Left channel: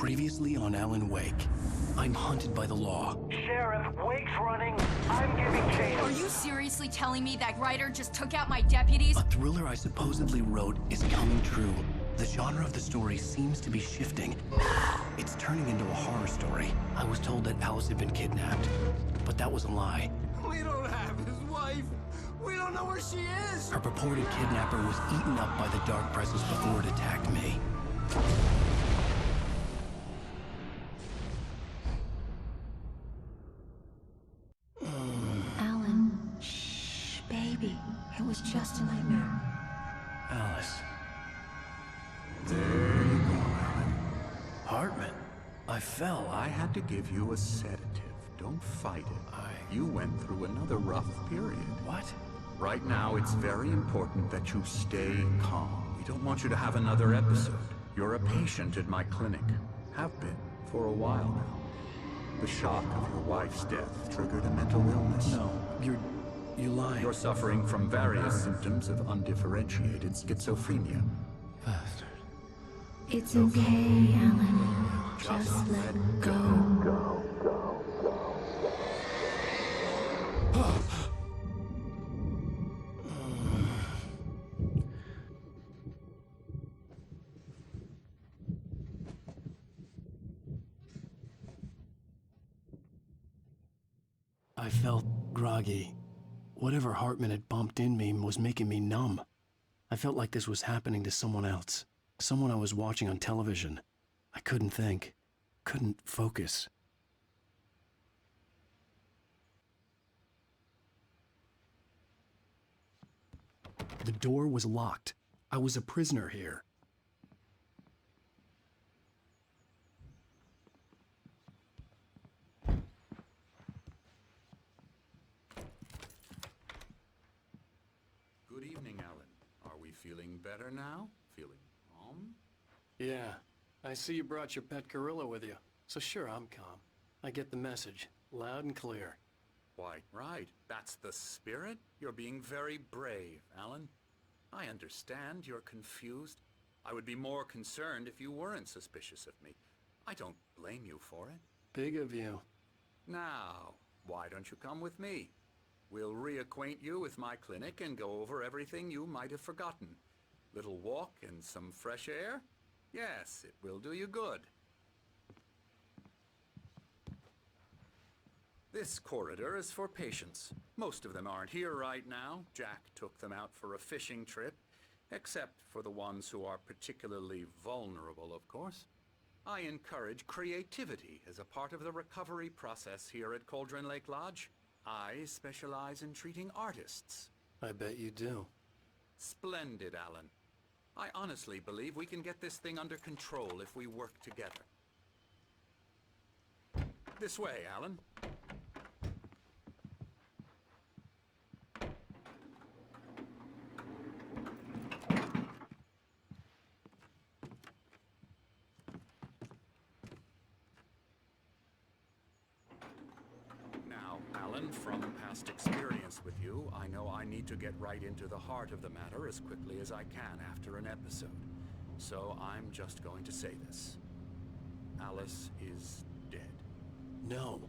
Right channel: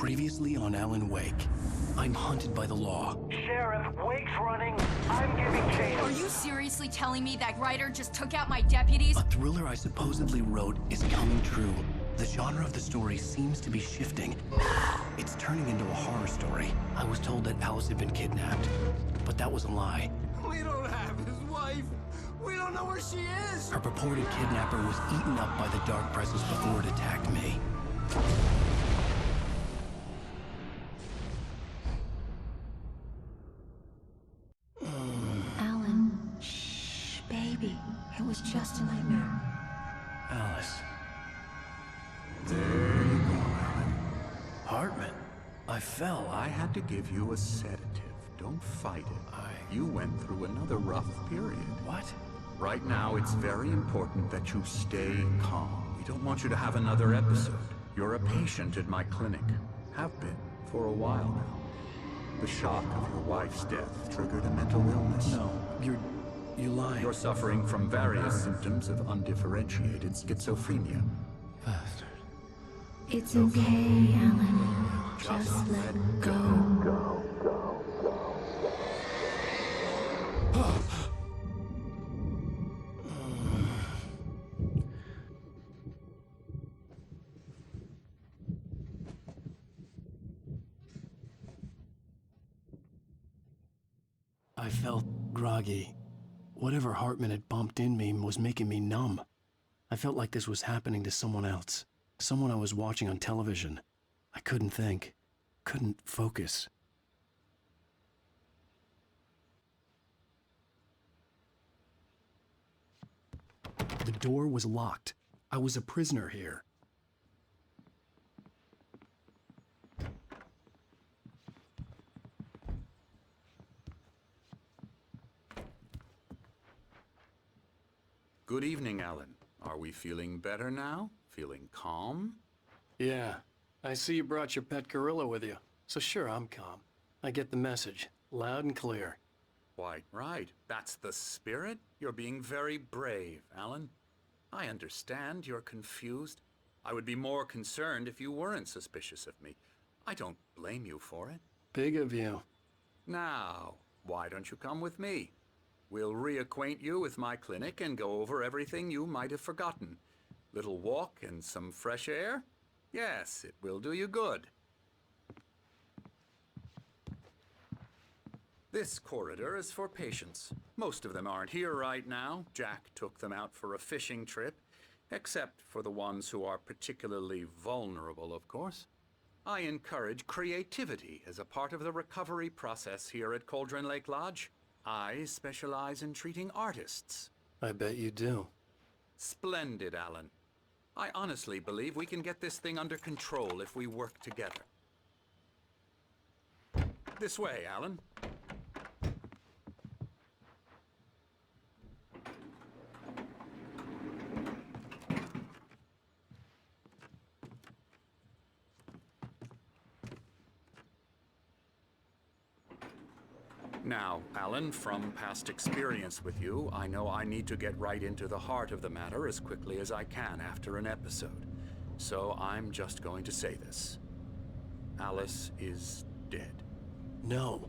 Previously on Alan Wake. I'm hunted by the law. Sheriff, Wake's running. I'm giving chase. Are you seriously telling me that writer just took out my deputies? A thriller I supposedly wrote is coming true. The genre of the story seems to be shifting. It's turning into a horror story. I was told that Alice had been kidnapped, but that was a lie. We don't have his wife. We don't know where she is. Her purported kidnapper was eaten up by the dark presence before it attacked me. Alan, shh, baby. It was just a nightmare. Alice. There you go, Alan. Hartman. I fell. I had to give you a sedative. Don't fight it. You went through another rough period. What? Right now, it's very important that you stay calm. We don't want you to have another episode. You're a patient at my clinic. Have been for a while now. The shock of your wife's death triggered a mental illness. No, you're lying. You're suffering from various symptoms of undifferentiated schizophrenia. Bastard. It's okay, Alan. Just let go. I felt groggy. Whatever Hartman had bumped in me was making me numb. I felt like this was happening to someone else. Someone I was watching on television. I couldn't think. Couldn't focus. The door was locked. I was a prisoner here. Good evening, Alan. Are we feeling better now? Feeling calm? Yeah. I see you brought your pet gorilla with you. So sure, I'm calm. I get the message. Loud and clear. Why, right. That's the spirit. You're being very brave, Alan. I understand you're confused. I would be more concerned if you weren't suspicious of me. I don't blame you for it. Big of you. Now, why don't you come with me? We'll reacquaint you with my clinic and go over everything you might have forgotten. Little walk and some fresh air? Yes, it will do you good. This corridor is for patients. Most of them aren't here right now. Jack took them out for a fishing trip, except for the ones who are particularly vulnerable, of course. I encourage creativity as a part of the recovery process here at Cauldron Lake Lodge. I specialize in treating artists. I bet you do. Splendid, Alan. I honestly believe we can get this thing under control if we work together. This way, Alan. Now, Alan, from past experience with you, I know I need to get right into the heart of the matter as quickly as I can after an episode. So I'm just going to say this. Alice is dead. No.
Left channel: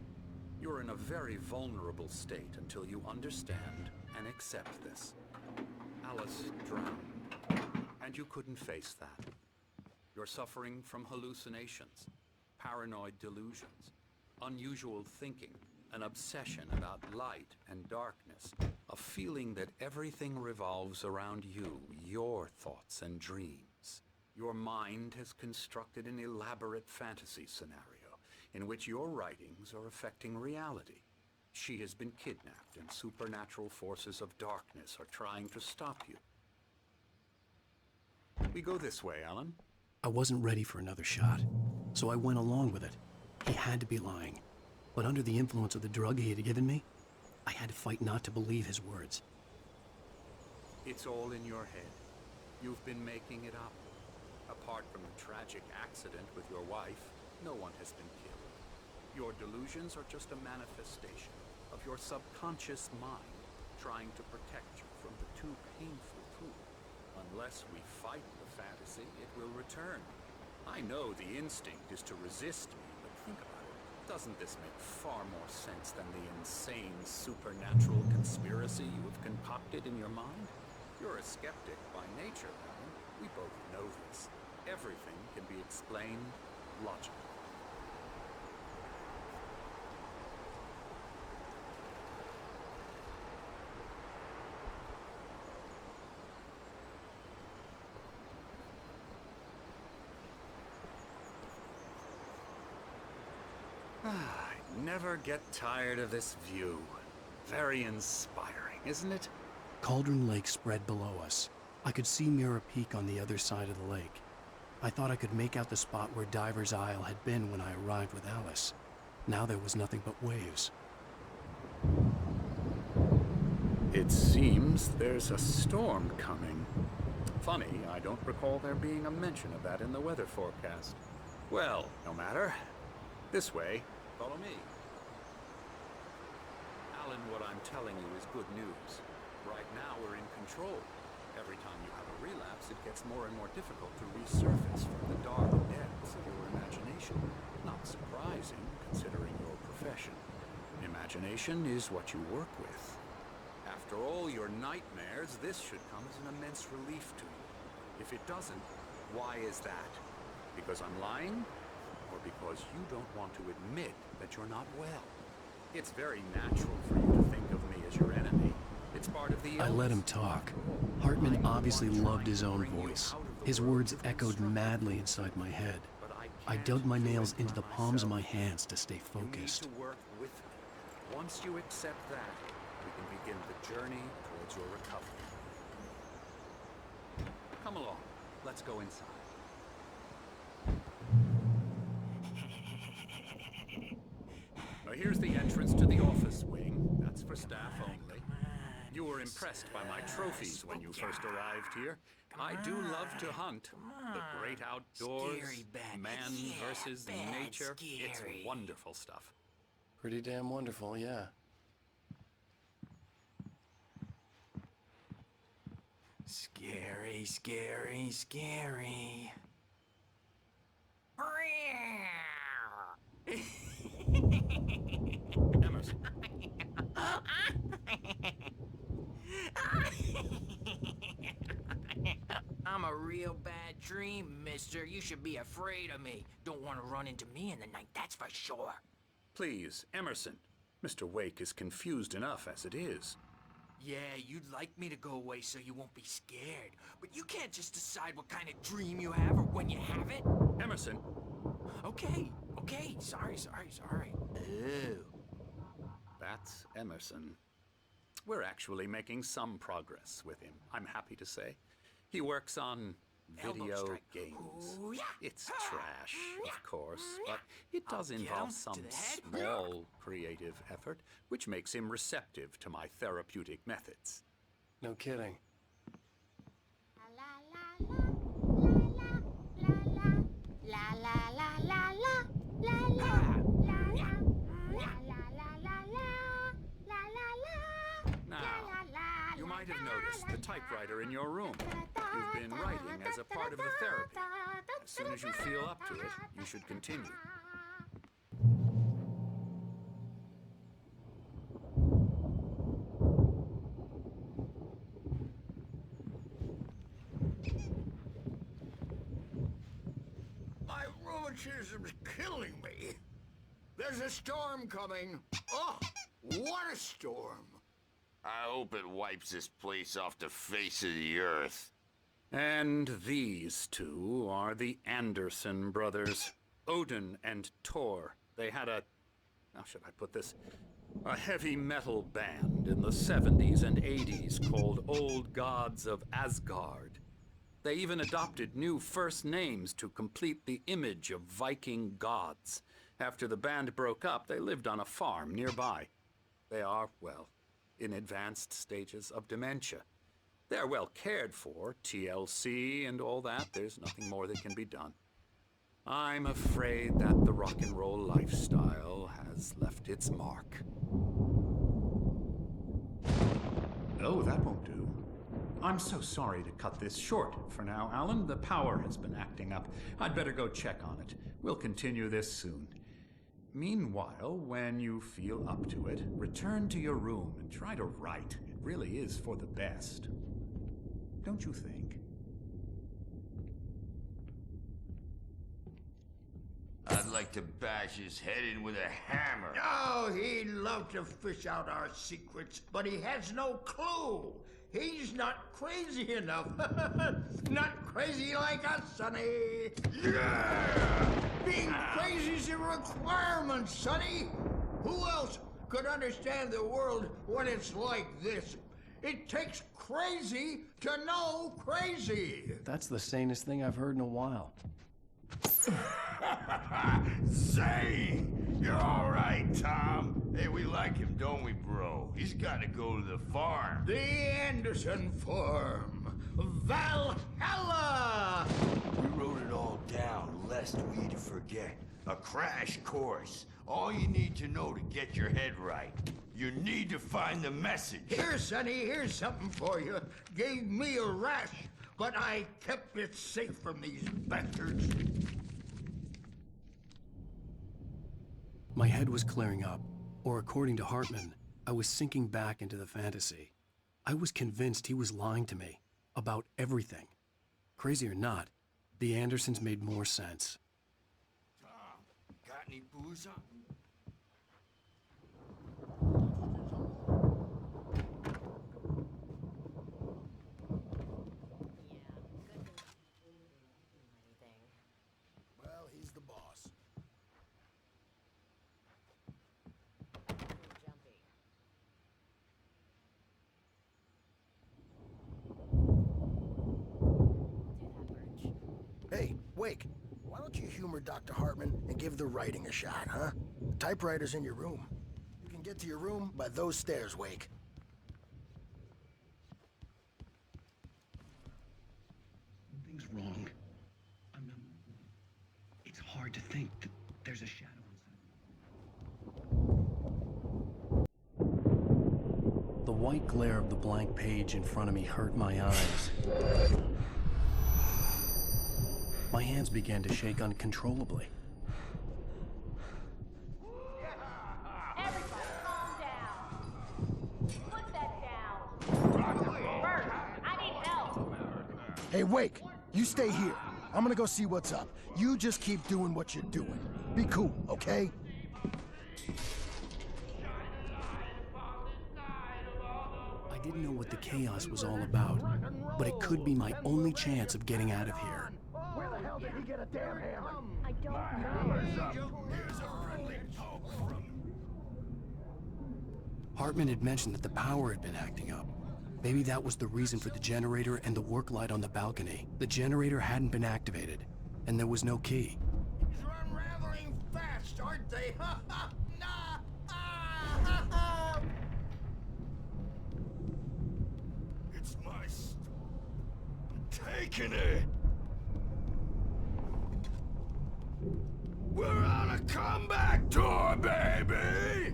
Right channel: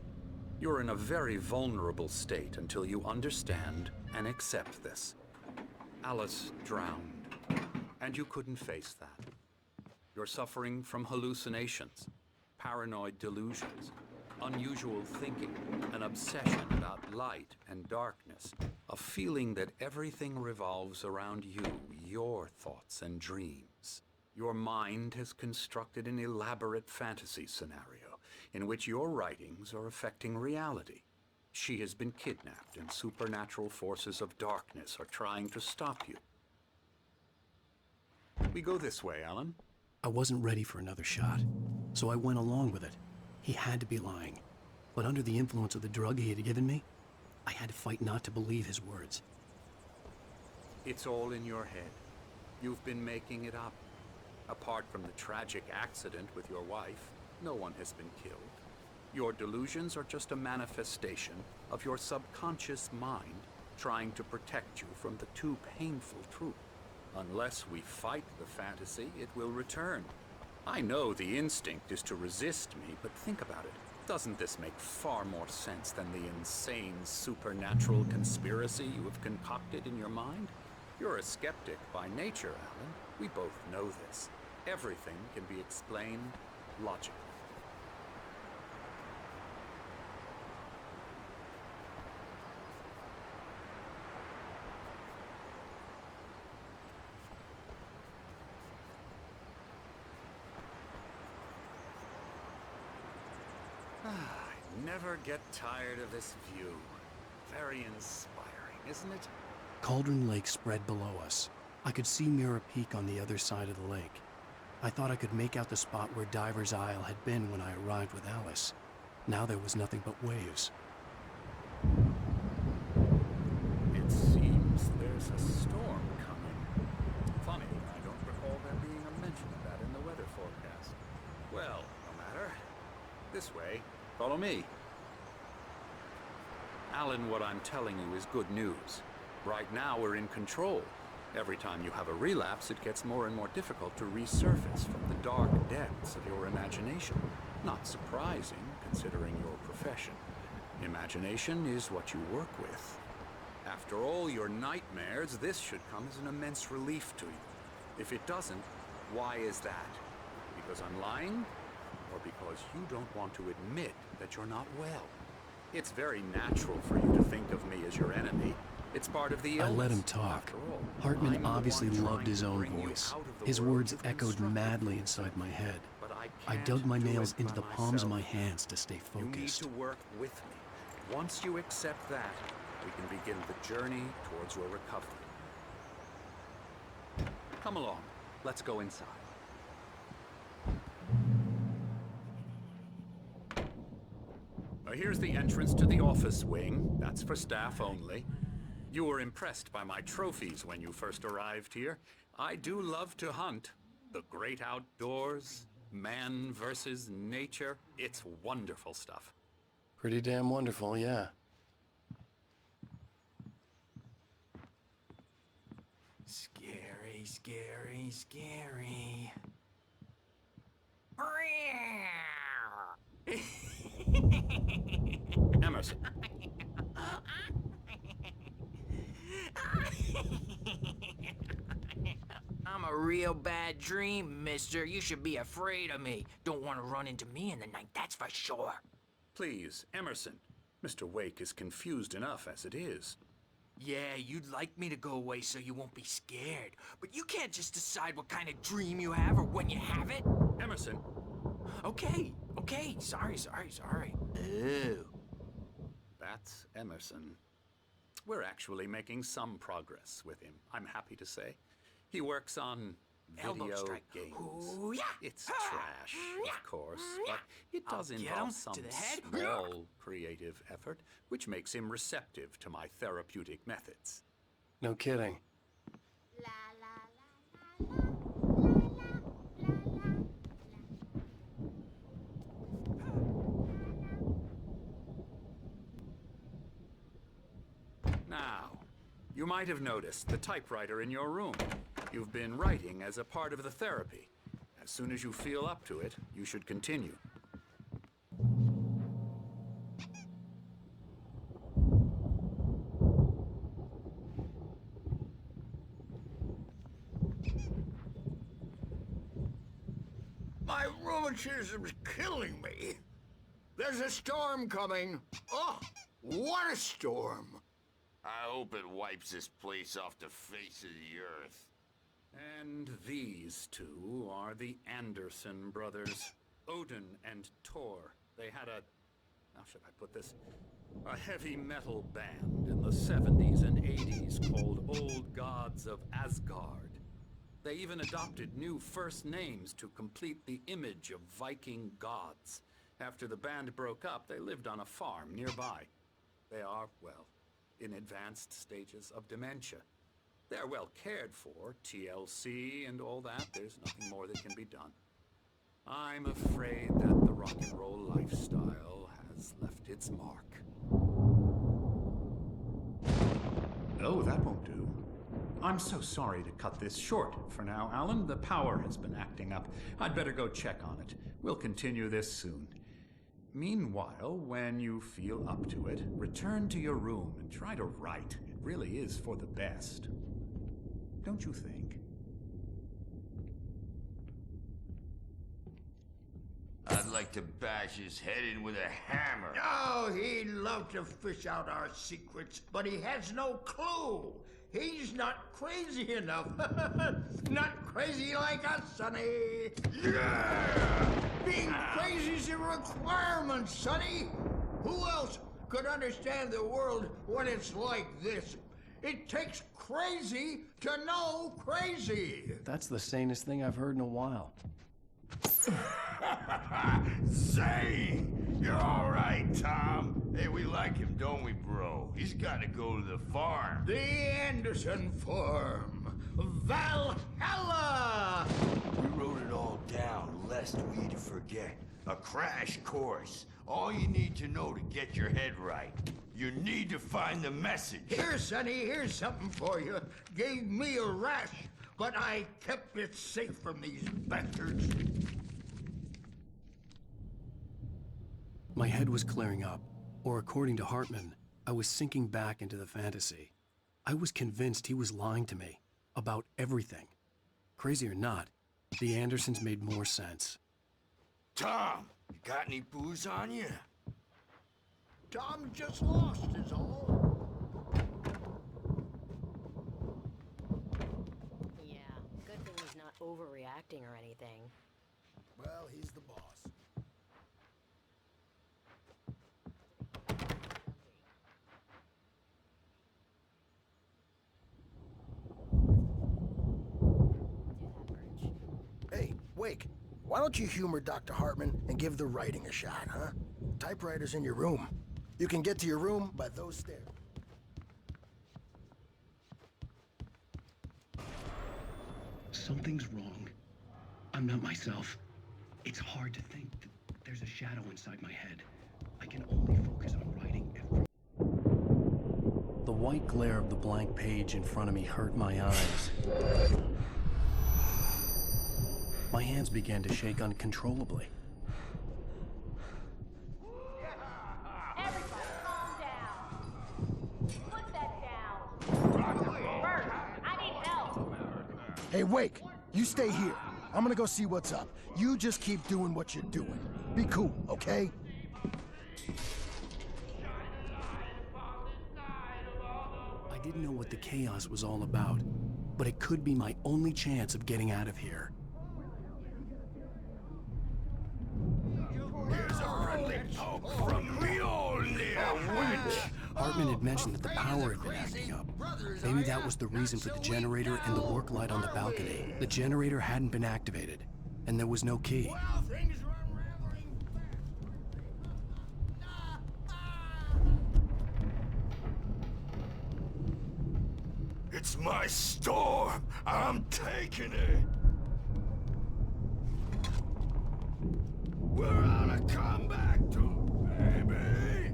You're in a very vulnerable state until you understand and accept this. Alice drowned, and you couldn't face that. You're suffering from hallucinations, paranoid delusions, unusual thinking, an obsession about light and darkness, a feeling that everything revolves around you, your thoughts and dreams. Your mind has constructed an elaborate fantasy scenario in which your writings are affecting reality. She has been kidnapped and supernatural forces of darkness are trying to stop you. We go this way, Alan. I wasn't ready for another shot, so I went along with it. He had to be lying. But under the influence of the drug he had given me, I had to fight not to believe his words. It's all in your head. You've been making it up. Apart from the tragic accident with your wife, no one has been killed. Your delusions are just a manifestation of your subconscious mind trying to protect you from the too painful truth. Unless we fight the fantasy, it will return. I know the instinct is to resist me, but think about it. Doesn't this make far more sense than the insane supernatural conspiracy you have concocted in your mind? You're a skeptic by nature, Alan. We both know this. Everything can be explained logically. I never get tired of this view. Very inspiring, isn't it? Cauldron Lake spread below us. I could see Mirror Peak on the other side of the lake. I thought I could make out the spot where Diver's Isle had been when I arrived with Alice. Now there was nothing but waves. It seems there's a storm coming. Funny, I don't recall there being a mention of that in the weather forecast. Well, no matter. This way. Follow me. Alan, what I'm telling you is good news. Right now we're in control. Every time you have a relapse, it gets more and more difficult to resurface from the dark depths of your imagination. Not surprising, considering your profession. Imagination is what you work with. After all your nightmares, this should come as an immense relief to you. If it doesn't, why is that? Because I'm lying? Or because you don't want to admit that you're not well? It's very natural for you to think of me as your enemy. It's part of the illness. I let him talk. Hartman obviously loved his own voice. His words echoed madly inside my head. I dug my nails into the palms of my hands to stay focused. You need to work with me. Once you accept that, we can begin the journey towards your recovery. Come along. Let's go inside. Now here's the entrance to the office wing. That's for staff only. You were impressed by my trophies when you first arrived here. I do love to hunt. The great outdoors, man versus nature. It's wonderful stuff. Pretty damn wonderful, yeah. Scary, scary, scary. Emerson. I'm a real bad dream, mister. You should be afraid of me. Don't want to run into me in the night, that's for sure. Please, Emerson. Mr. Wake is confused enough as it is. Yeah, you'd like me to go away so you won't be scared. But you can't just decide what kind of dream you have or when you have it. Emerson. Okay. Sorry. Ew. That's Emerson. We're actually making some progress with him, I'm happy to say. He works on Elbow video strike. games. Ooh, yeah. It's trash, of course, but it does I'll get involve him some to the head. small creative effort, which makes him receptive to my therapeutic methods. No kidding. Now, you might have noticed the typewriter in your room. You've been writing as a part of the therapy. As soon as you feel up to it, you should continue. My rheumatism's killing me. There's a storm coming. Oh, what a storm. I hope it wipes this place off the face of the earth. And these two are the Anderson brothers, Odin and Tor. They had how should I put this? A heavy metal band in the 70s and 80s called Old Gods of Asgard. They even adopted new first names to complete the image of Viking gods. After the band broke up, they lived on a farm nearby. They are, well, in advanced stages of dementia. They're well cared for, TLC and all that. There's nothing more that can be done. I'm afraid that the rock and roll lifestyle has left its mark. No, that won't do. I'm so sorry to cut this short for now, Alan. The power has been acting up. I'd better go check on it. We'll continue this soon. Meanwhile, when you feel up to it, return to your room and try to write. It really is for the best. Don't you think? I'd like to bash his head in with a hammer. Oh, he'd love to fish out our secrets, but he has no clue. He's not crazy enough. Not crazy like us, Sonny. Yeah! Being crazy's a requirement, Sonny. Who else could understand the world when it's like this? It takes crazy to know crazy. That's the sanest thing I've heard in a while. Zane! You're all right, Tom. Hey, we like him, don't we, bro? He's got to go to the farm. The Anderson Farm. Valhalla! We wrote it all down, lest we forget. A crash course. All you need to know to get your head right. You need to find the message. Here, Sonny, here's something for you. Gave me a rash, but I kept it safe from these bastards. My head was clearing up, or according to Hartman, I was sinking back into the fantasy. I was convinced he was lying to me about everything. Crazy or not, the Andersons made more sense. Tom, you got any booze on you? Tom just lost is all. Yeah, good thing he's not overreacting or anything. Well, he's the boss. Hey, Wake, why don't you humor Dr. Hartman and give the writing a shot, huh? The typewriter's in your room. You can get to your room by those stairs, Wake. Something's wrong. I'm not myself. It's hard to think that there's a shadow inside my head. I can only focus on writing The white glare of the blank page in front of me hurt my eyes. My hands began to shake uncontrollably. Everybody, calm down. Put that down. Bert, I need help. Hey, Wake, you stay here. I'm gonna go see what's up. You just keep doing what you're doing. Be cool, okay? I didn't know what the chaos was all about, but it could be my only chance of getting out of here. Hartman had mentioned that the power had been acting up. Maybe that was the reason for the generator and the work light on the balcony. The generator hadn't been activated, and there was no key. Well, things are unraveling fast, aren't they? It's my storm. I'm taking it. We're on a comeback tour, baby!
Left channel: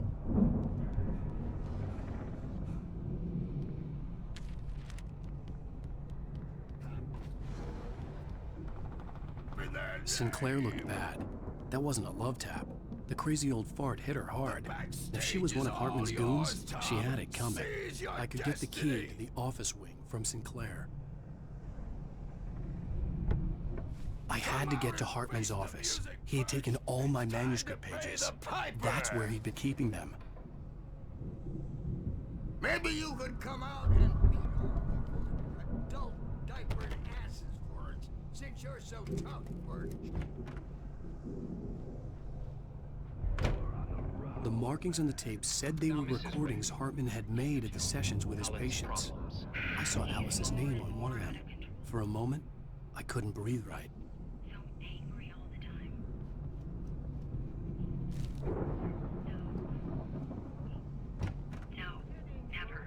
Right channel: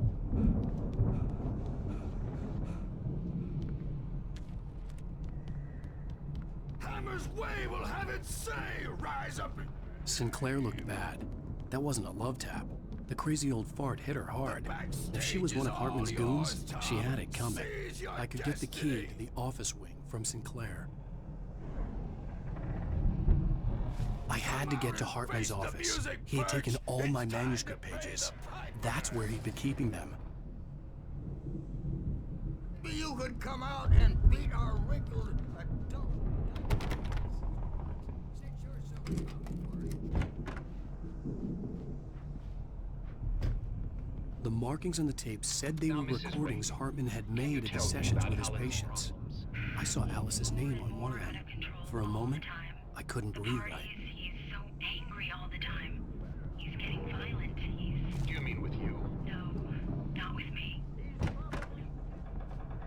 Hammer's way will have its say. Rise up in there. Sinclair looked bad. That wasn't a love tap. The crazy old fart hit her hard. If she was one of Hartman's goons, she had it coming. I could get the key to the office wing from Sinclair. I had to get to Hartman's office. He had taken all my manuscript pages. That's where he'd been keeping them. Maybe you could come out and beat our wrinkled adult diaper asses for it, since you're so tough, Bert. The markings on the tape said they were recordings Hartman had made at the sessions with his patients. I saw Alice's name on one of them. For a moment, I couldn't breathe right. He's so angry all the time. He's getting violent. You mean with you? No, not with me. No, never.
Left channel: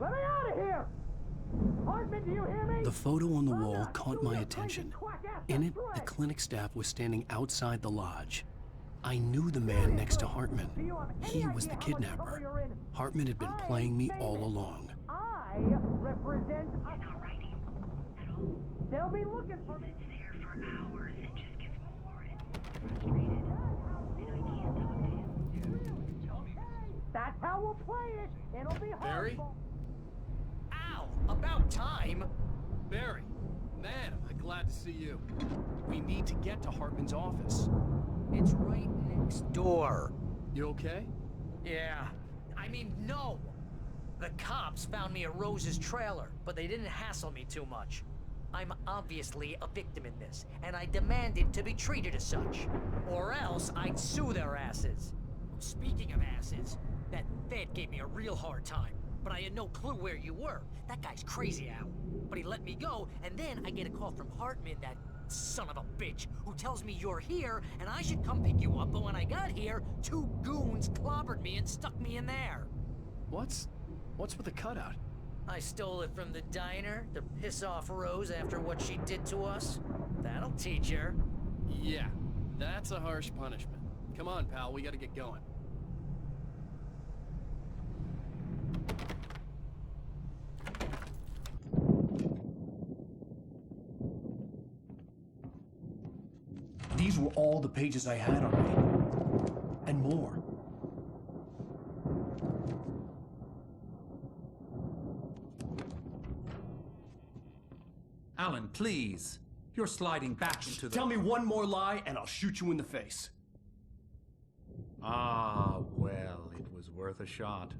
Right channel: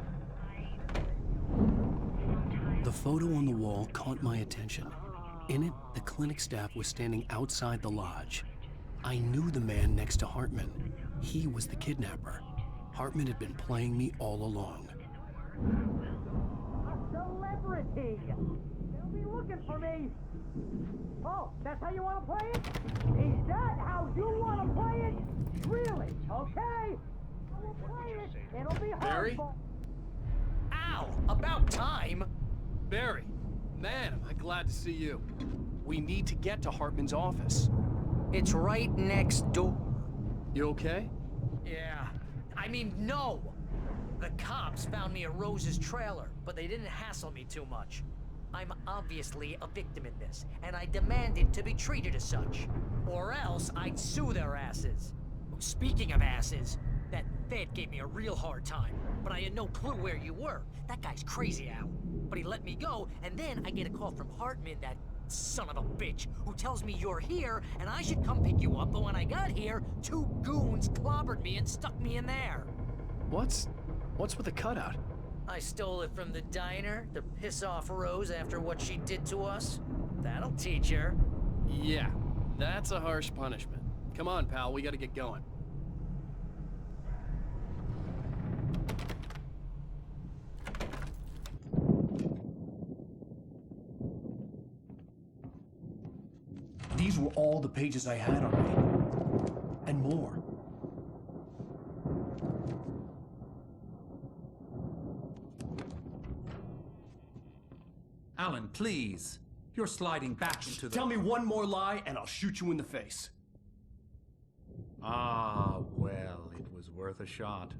Let me out of here! Hartman, you hear me? The photo on the wall caught my attention. In it, the clinic staff was standing outside the lodge. I knew the man next to Hartman. He was the kidnapper. Hartman had been playing me all along. I represent a They'll be looking for me. Oh, that's how you want to play it? Is that how you want to play it? Really? Okay, that's how we'll play it. It'll be Barry? hard. Ow! About time! Barry, man, am I glad to see you. We need to get to Hartman's office. It's right next door. You okay? Yeah. I mean, no! The cops found me at Rose's trailer, but they didn't hassle me too much. I'm obviously a victim in this, and I demanded to be treated as such. Or else I'd sue their asses. Speaking of asses, that Fed gave me a real hard time, but I had no clue where you were. That guy's crazy, Al. But he let me go, and then I get a call from Hartman, that son of a bitch, who tells me you're here, and I should come pick you up, but when I got here, 2 goons clobbered me and stuck me in there. What's with the cutout? I stole it from the diner to piss off Rose after what she did to us. That'll teach her. Yeah, that's a harsh punishment. Come on, pal, we gotta get going. These were all the pages I had on me. And more. Alan, please. You're sliding back into the... Tell me one more lie and I'll shoot you in the face. Ah, well, it was worth a shot.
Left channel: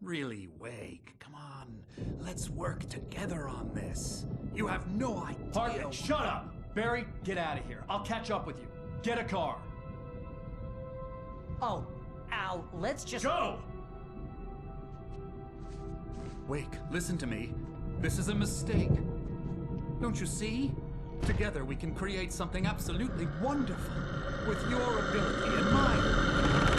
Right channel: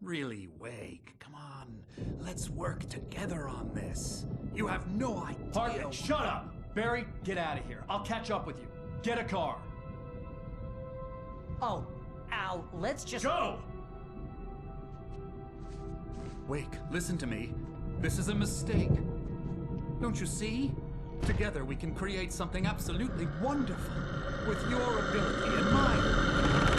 Really, Wake, come on. Let's work together on this. You have no idea... Hartman, shut up! Barry, get out of here. I'll catch up with you. Get a car. Oh, Al, let's just... Go! Wake, listen to me. This is a mistake. Don't you see? Together we can create something absolutely wonderful. With your ability and mine.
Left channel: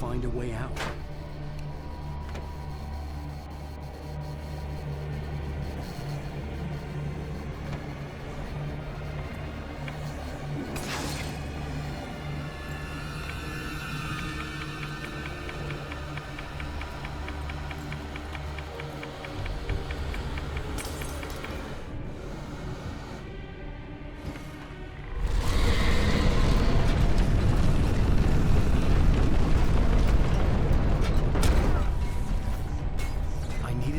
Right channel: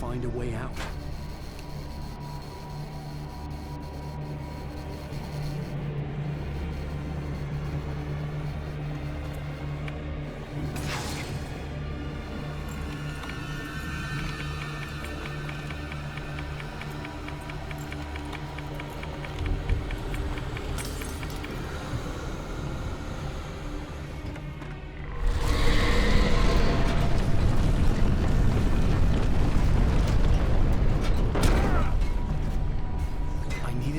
Find a way out.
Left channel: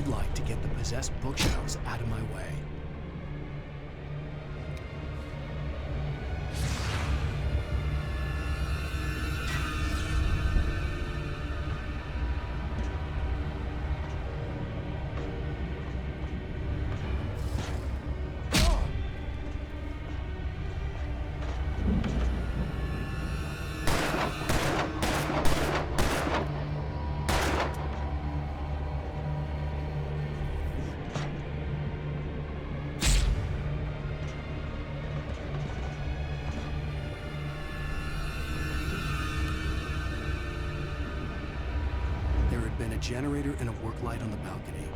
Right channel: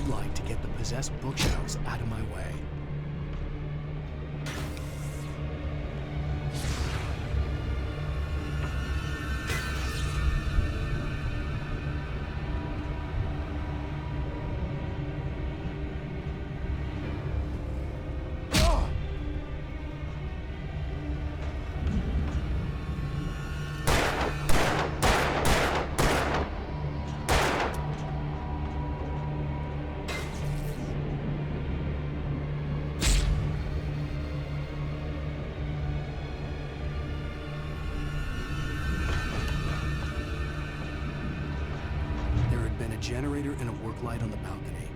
Light to get the possessed bookshelves out of my way. There had been a generator and a work light on the balcony.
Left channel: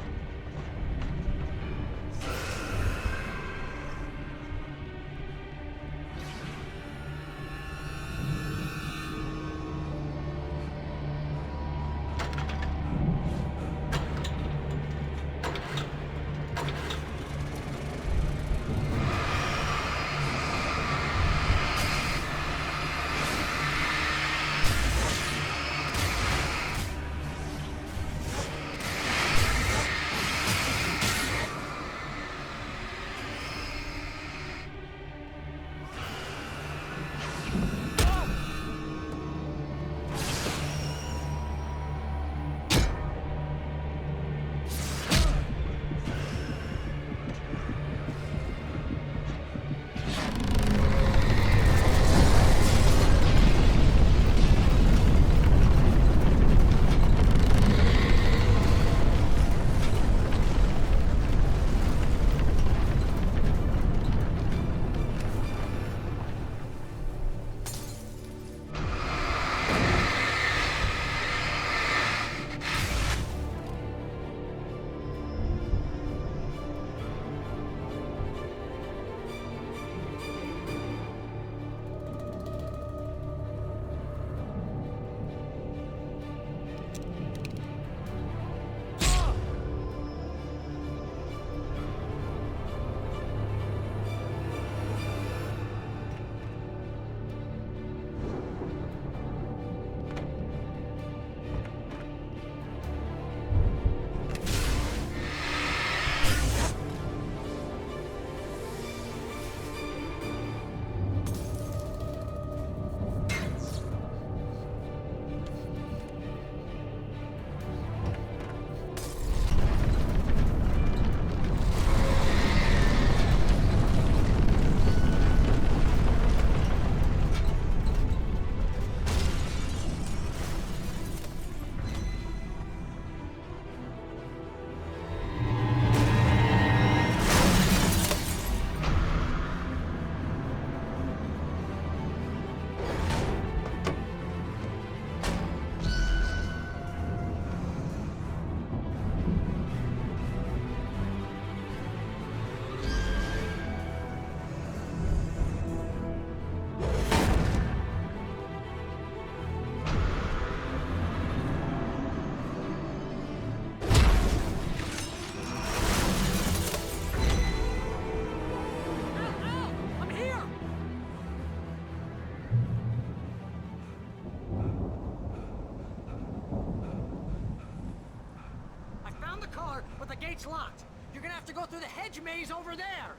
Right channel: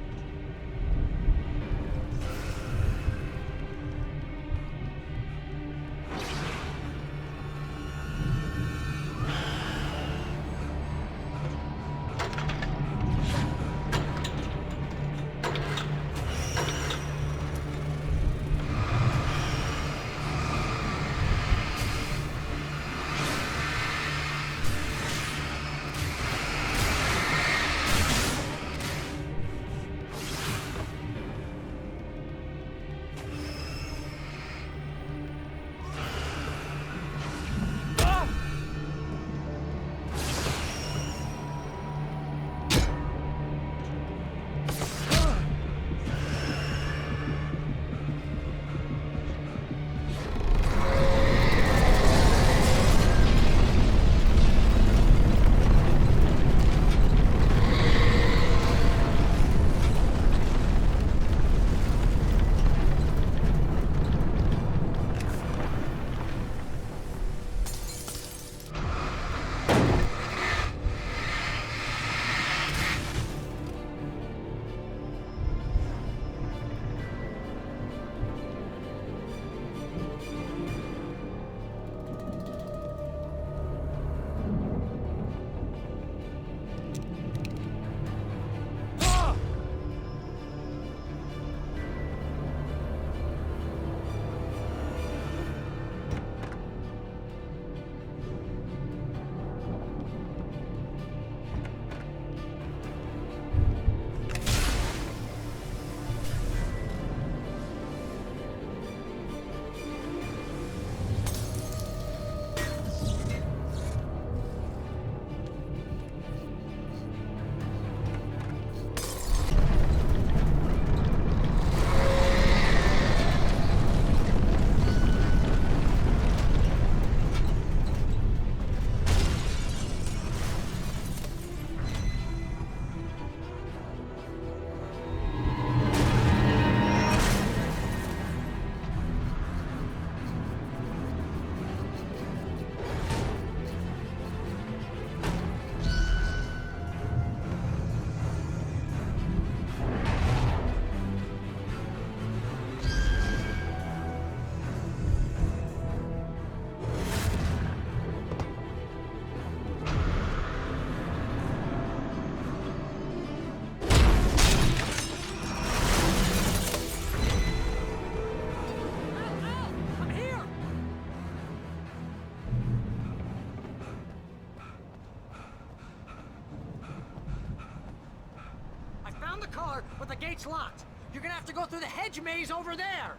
the car, but the gate's locked. You're gonna have to go through the hedge maze over there.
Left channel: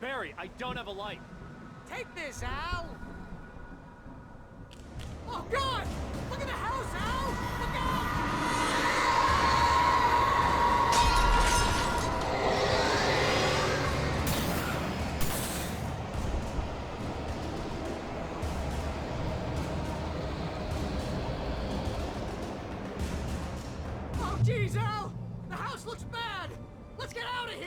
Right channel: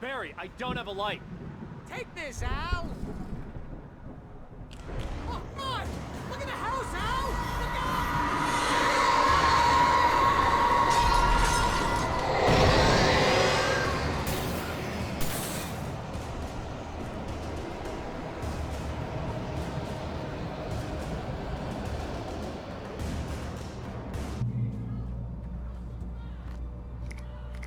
Barry, I don't have a light. Take this, Al. Oh, God! Look at the house, Al! Look out! Oh, jeez, Al! The house looks bad! Let's get out of here!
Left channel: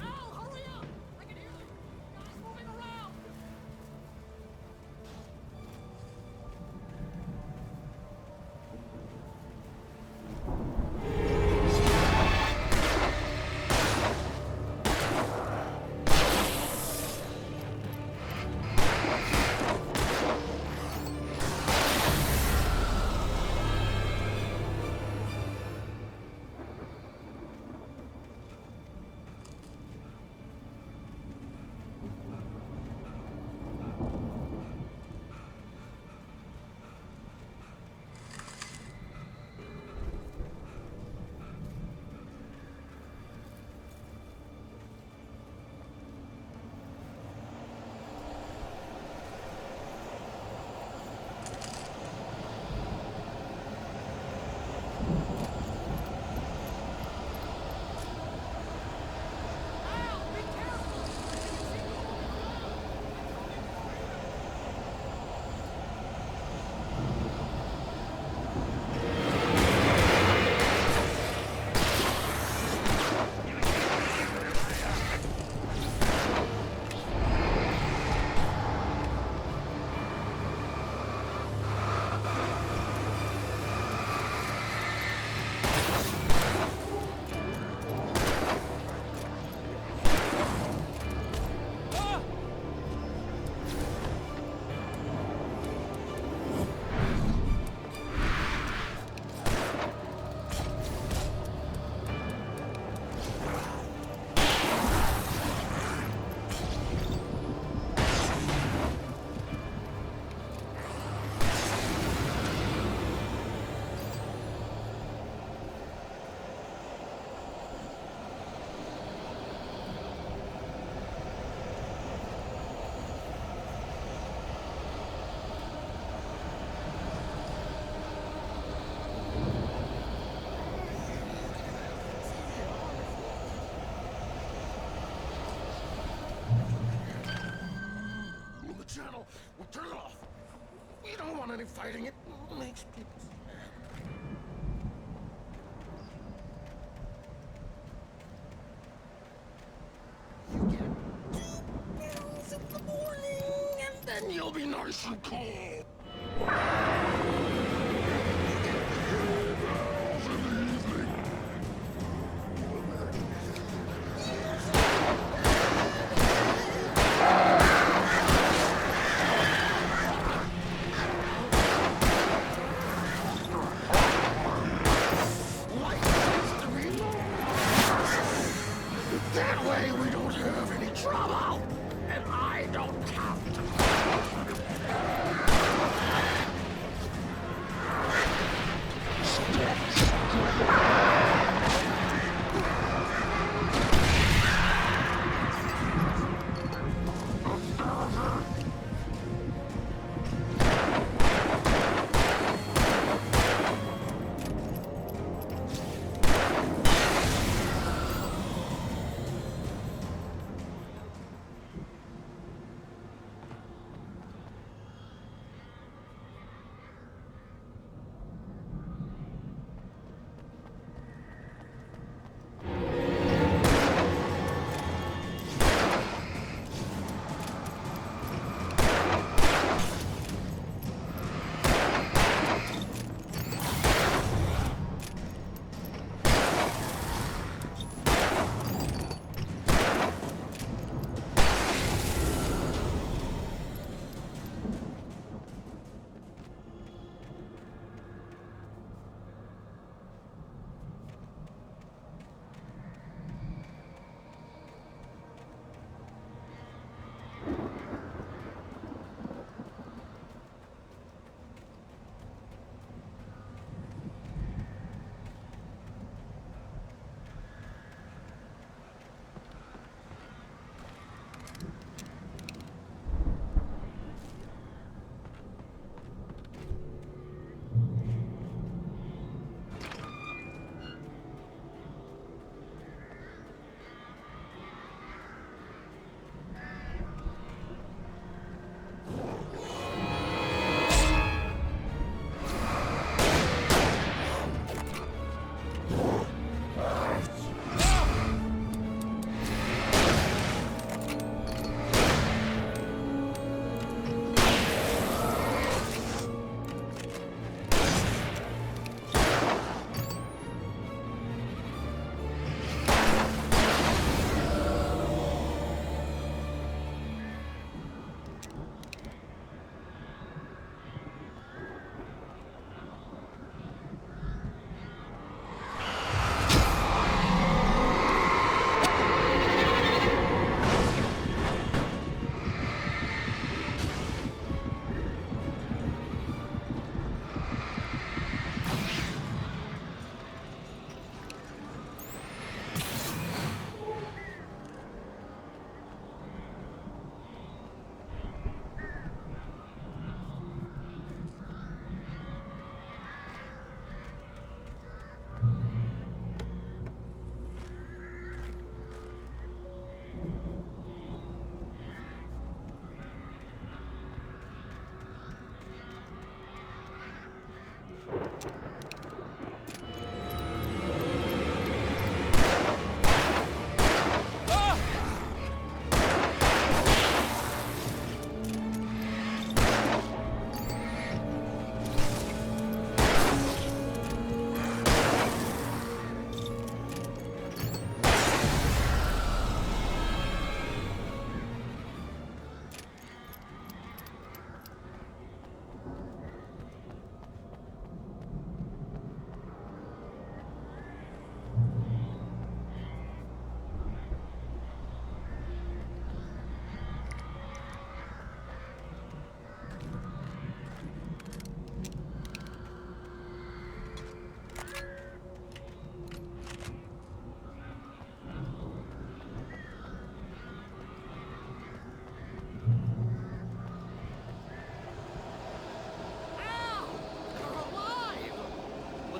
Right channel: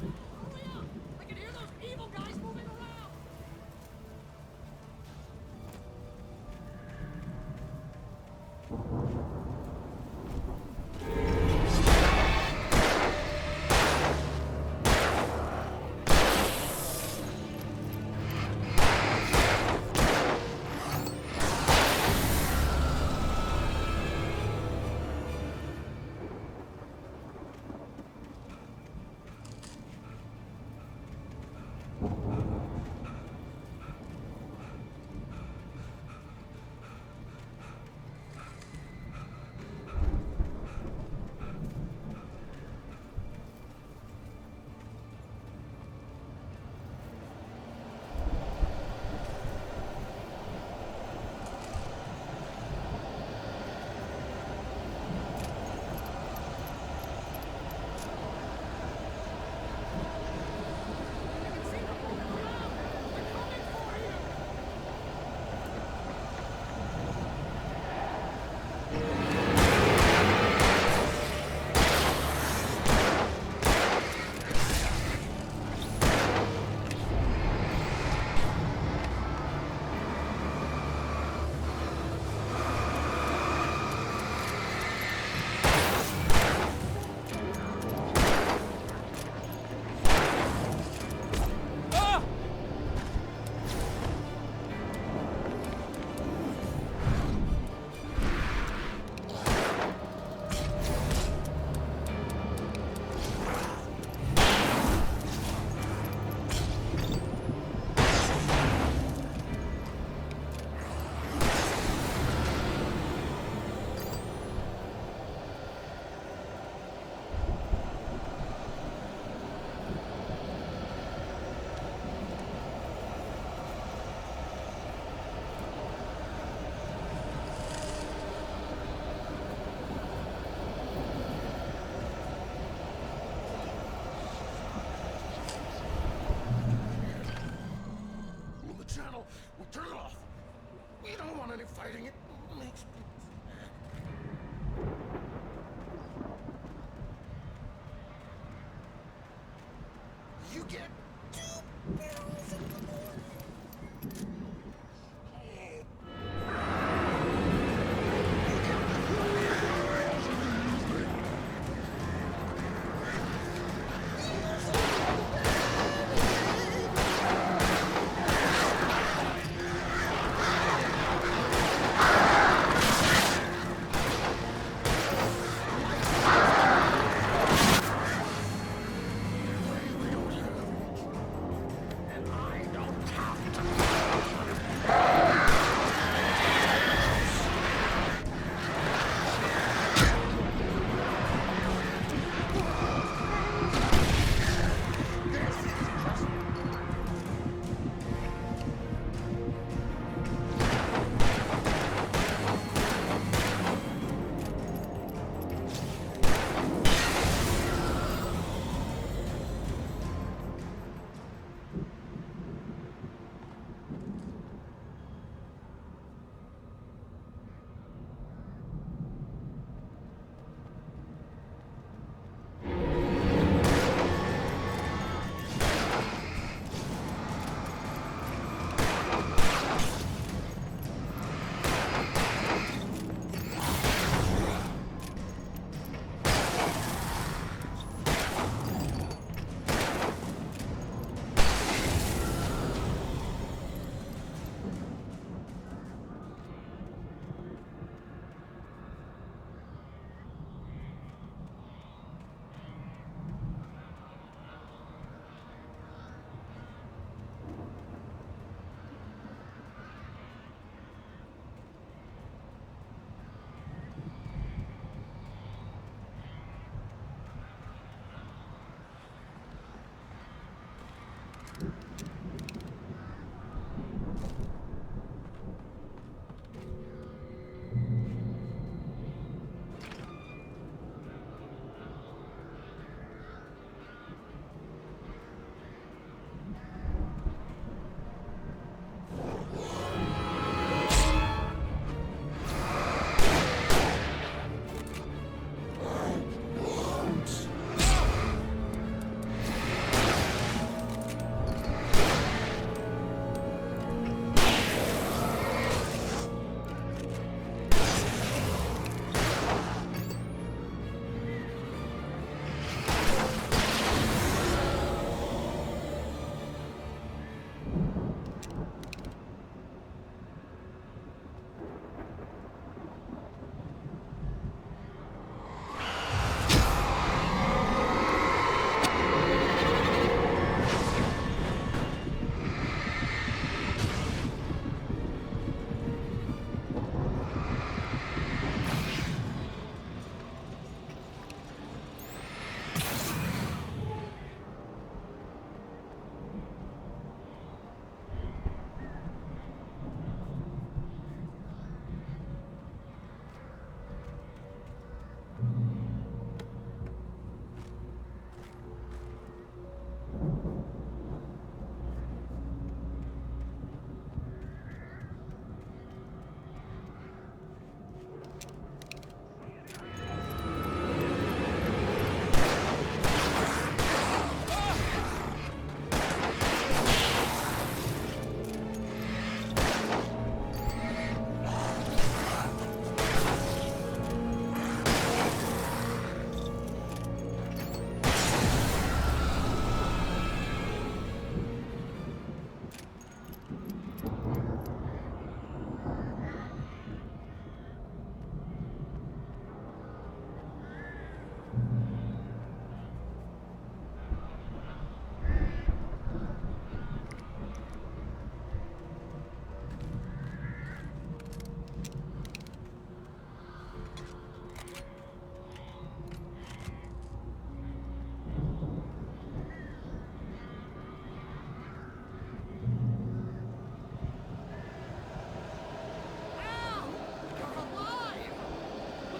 Al, hurry up! I can hear those evil guys moving around! Channel. We'll turn it off. We don't want any fighting. It makes people sad. You get 2 pills in the morning, and then you'll be nice and cold. You get 3 pills in the evening. That way we don't have any trouble, and I don't have to.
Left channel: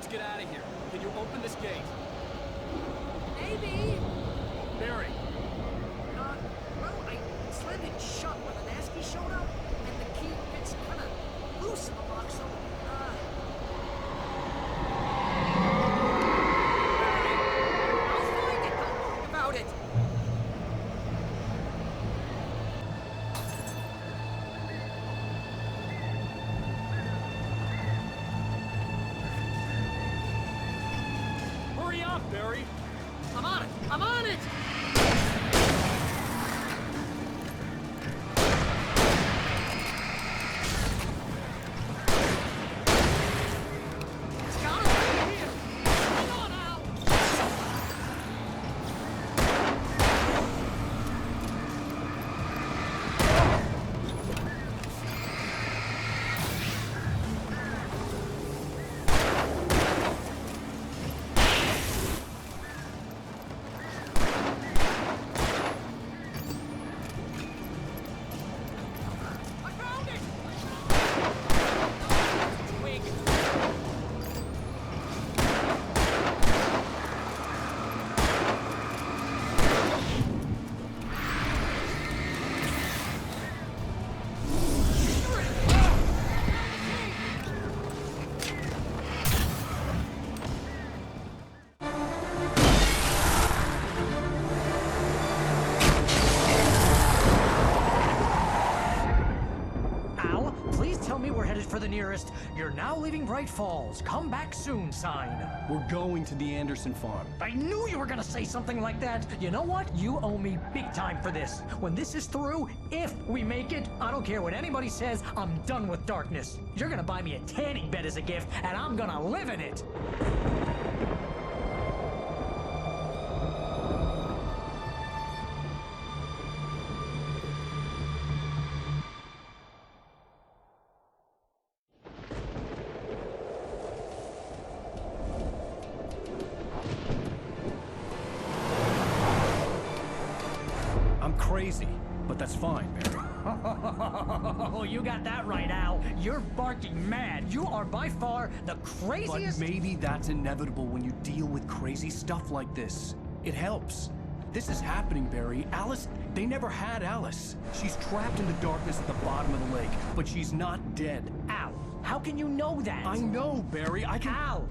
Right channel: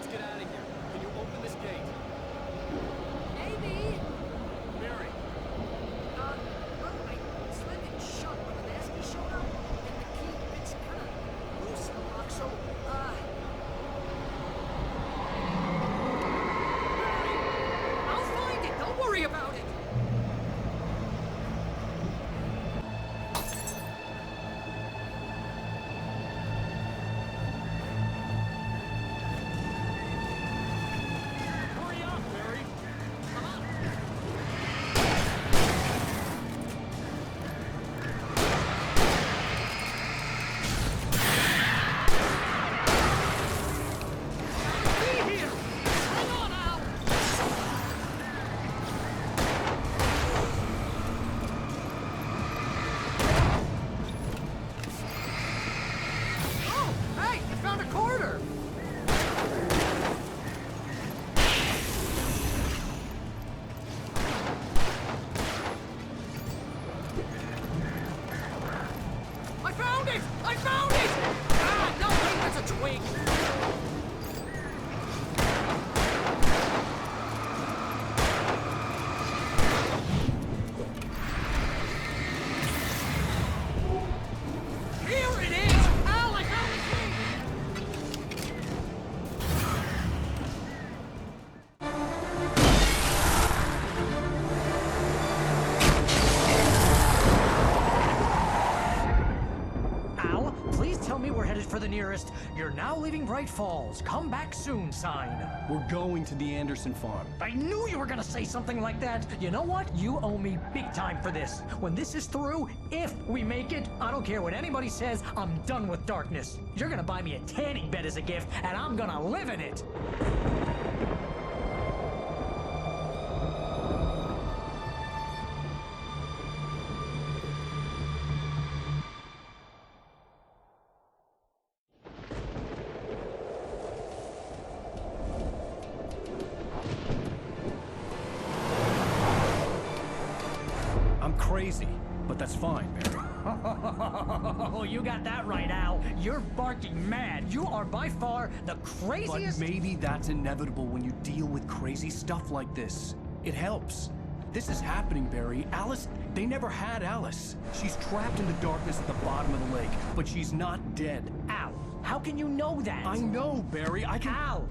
Get out of here. Can you open this gate? Maybe. Barry. Well, I slammed it shut when the nasty showed up, and the key fits kind of loose in the lock, so, Barry, I'll find it. Don't worry about it. Hurry up, Barry! I'm on it! I'm on it! It's gotta be here! Hang on, Al! Oh, hey! Found a quarter! I found it! I found it! Ah, no, that's a twig! Here it is! Al, I found the key! Al, please tell me we're headed for the nearest "You're now leaving Bright Falls. Come back soon" sign. We're going to the Anderson farm. I knew you were gonna say something like that. You know what? You owe me big time for this. When this is through, if we make it, I don't care what anybody says, I'm done with darkness. You're gonna buy me a tanning bed as a gift, and I'm gonna live in it. I'm crazy. but that's fine, Barry. Oh, you got that right, Al. You're barking mad. You are by far the craziest... But maybe that's inevitable when you deal with crazy stuff like this. It helps. This is happening, Barry. Alice, they never had Alice. She's trapped in the darkness at the bottom of the lake, but she's not dead. Al, how can you know that? I know, Barry. I can... Al,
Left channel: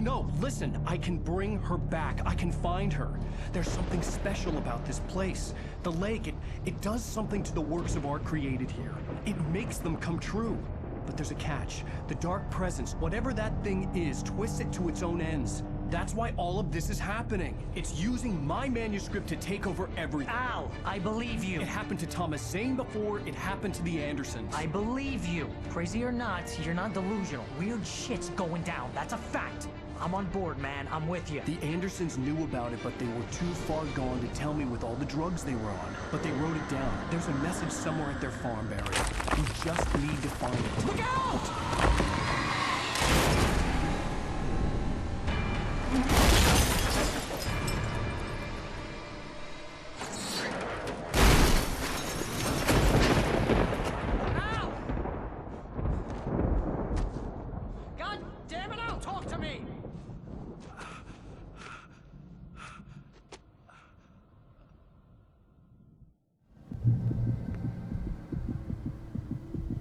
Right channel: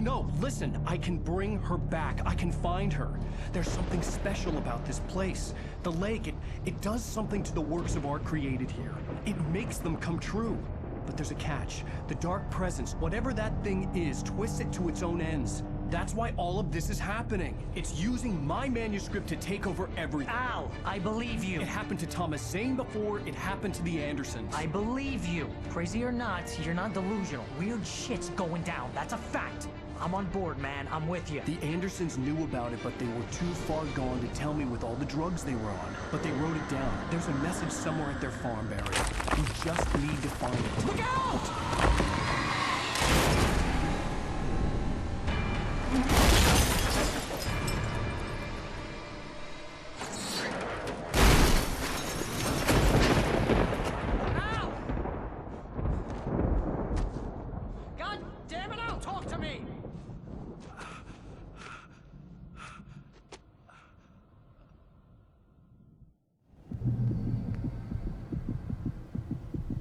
No, listen. I can bring her back. I can find her. There's something special about this place. The lake, it does something to the works of art created here. It makes them come true. But there's a catch. The dark presence, whatever that thing is, twists it to its own ends. That's why all of this is happening. It's using my manuscript to take over everything. Al, I believe you. It happened to Thomas Zane before, it happened to the Andersons. I believe you. Crazy or not, you're not delusional. Weird shit's going down. That's a fact. I'm on board, man. I'm with you. The Andersons knew about it, but they were too far gone to tell me with all the drugs they were on. But they wrote it down. There's a message somewhere at their farm, Barry. We just need to find it. Look out!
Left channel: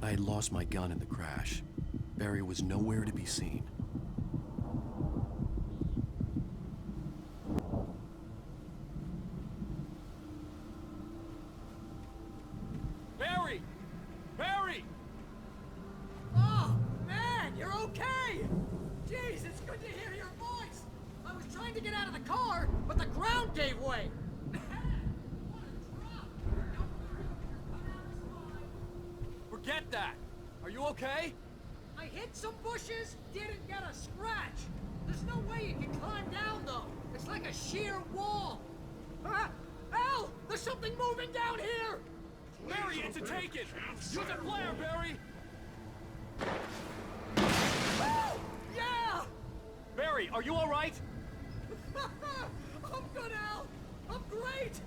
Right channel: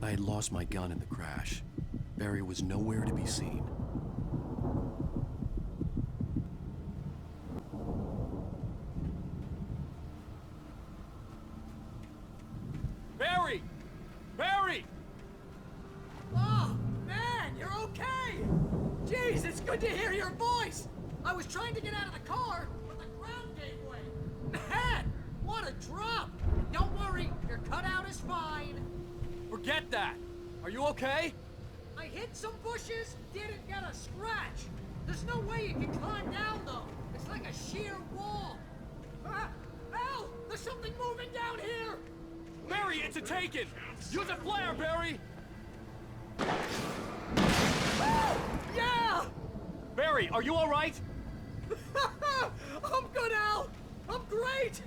I had lost my gun in the crash. Barry was nowhere to be seen. Barry! Barry! Oh, man, you're okay! Jeez, it's good to hear your voice! I was trying to get out of the car, but the ground gave way. Man, what a drop! Don't worry, your cutout is fine. Forget that! Are you okay? I hit some bushes, didn't get a scratch. There's no way you can climb down, though. It's like a sheer wall. Al! There's something moving down here! Barry, it's a taken! Use a flare, Barry! Yeah! Barry, are you alright? I'm good, Al! I'm great!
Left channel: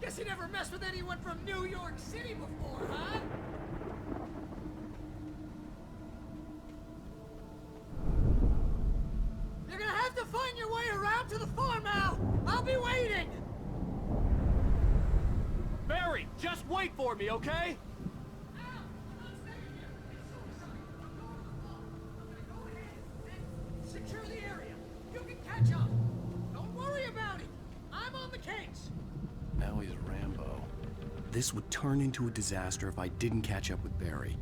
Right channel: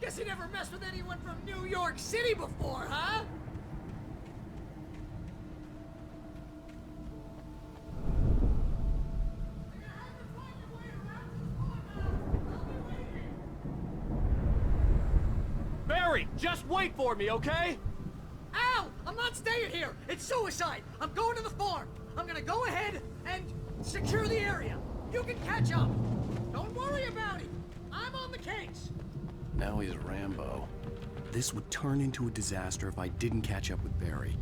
Guess you never messed with anyone from New York City before, huh? You're gonna have to find your way around to the farm, Al! I'll be waiting! Barry, just wait for me, okay? Al! I'm not staying here! It's suicide! I'm going to the farm! I'm gonna go ahead and secure the area. You can catch up. Don't worry about it. I'm on the case. Now he's Rambo. This would turn into a disaster if I didn't catch up with Barry.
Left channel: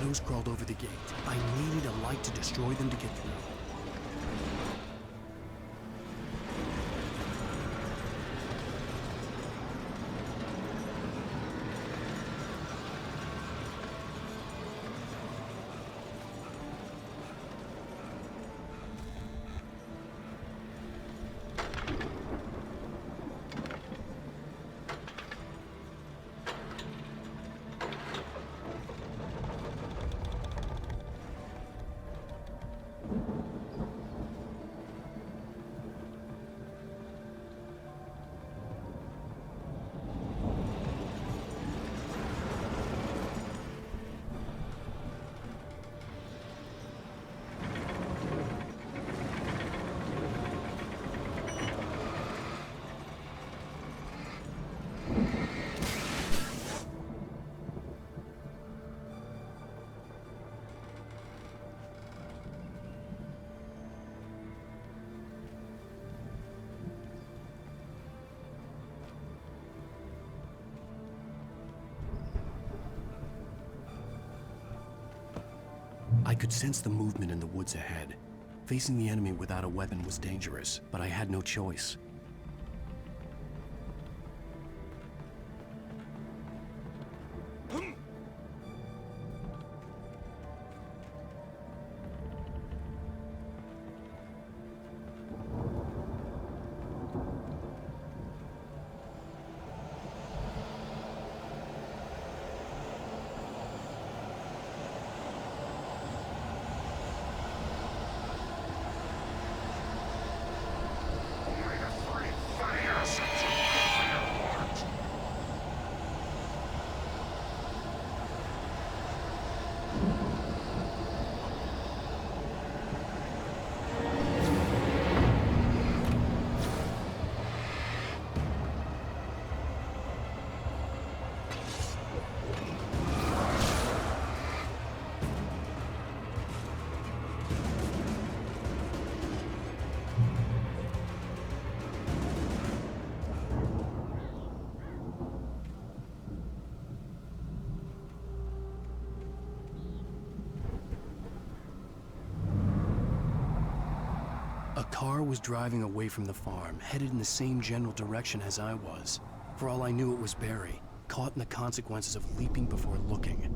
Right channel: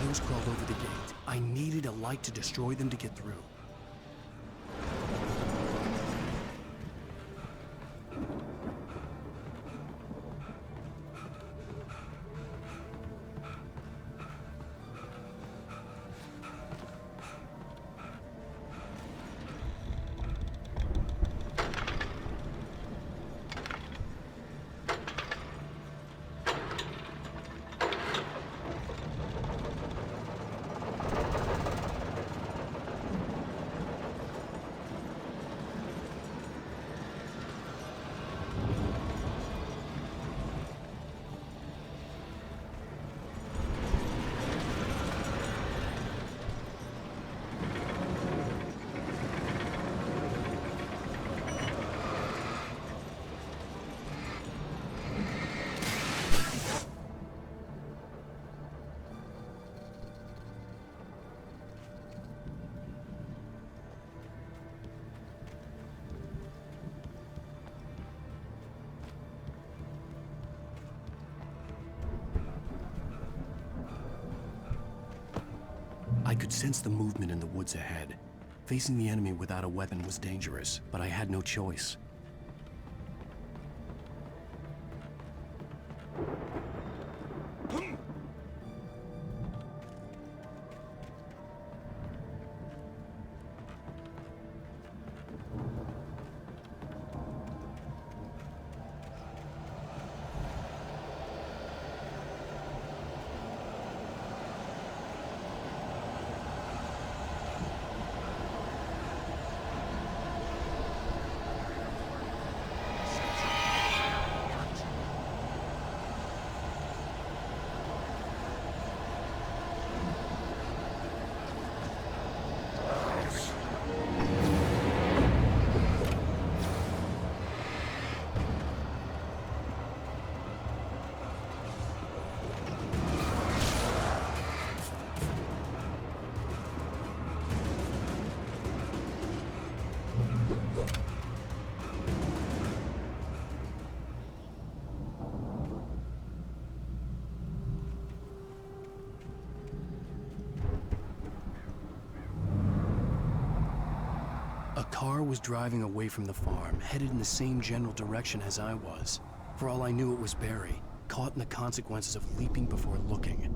shadows crawled over the gate. I needed a light to destroy them to get through. I could sense the movement in the woods ahead. Facing the enemy without a weapon was dangerous, but I had no choice. A car was driving away from the farm, headed in the same general direction as I was. For all I knew, it was Barry, caught in the consequences of leaping before looking.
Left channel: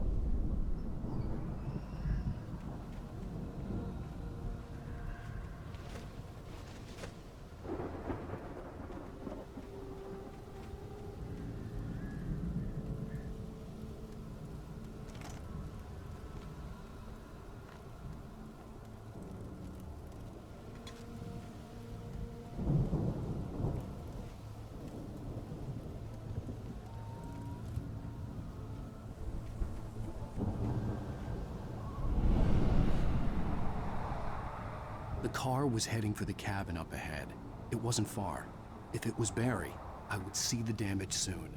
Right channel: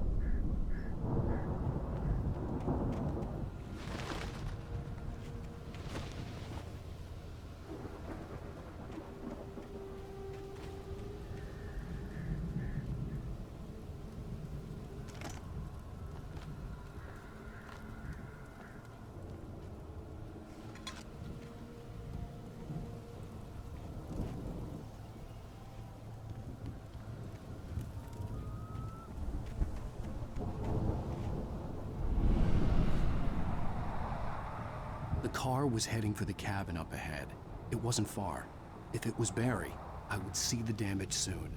The car was heading for the cabin up ahead. It wasn't far. If it was Barry, I would see the damage soon.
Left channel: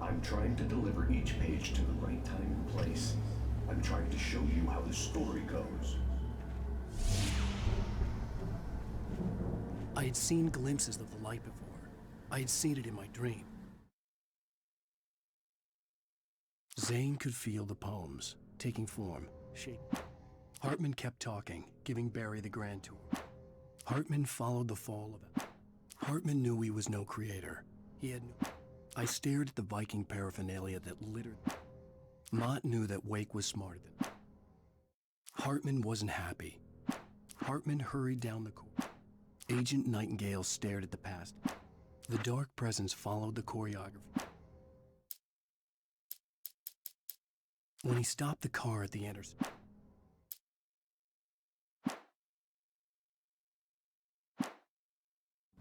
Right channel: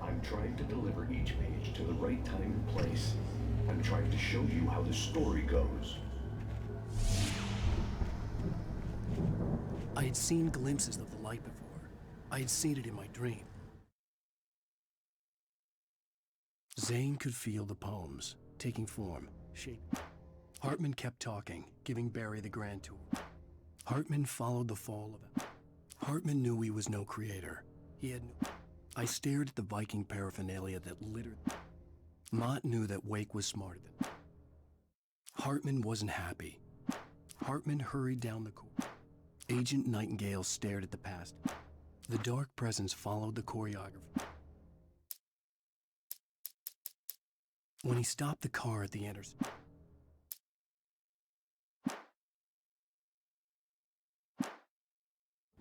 I'm trying to deliver each page to the right time and place. I'm trying to show you how the story goes. I had seen glimpses of the light before. I had seen it in my dream. Zane could feel the poems, taking form, shape. Hartman kept talking, giving Barry the grand tour. Hartman followed the fall of it. Hartman knew he was no creator. He had no... I stared at the Viking paraphernalia that littered. Mott knew that Wake was smarter than... Hartman wasn't happy. Hartman hurried down the corridor. Agent Nightingale stared at the past. The dark presence followed the choreography. When he stopped the car at the intersection,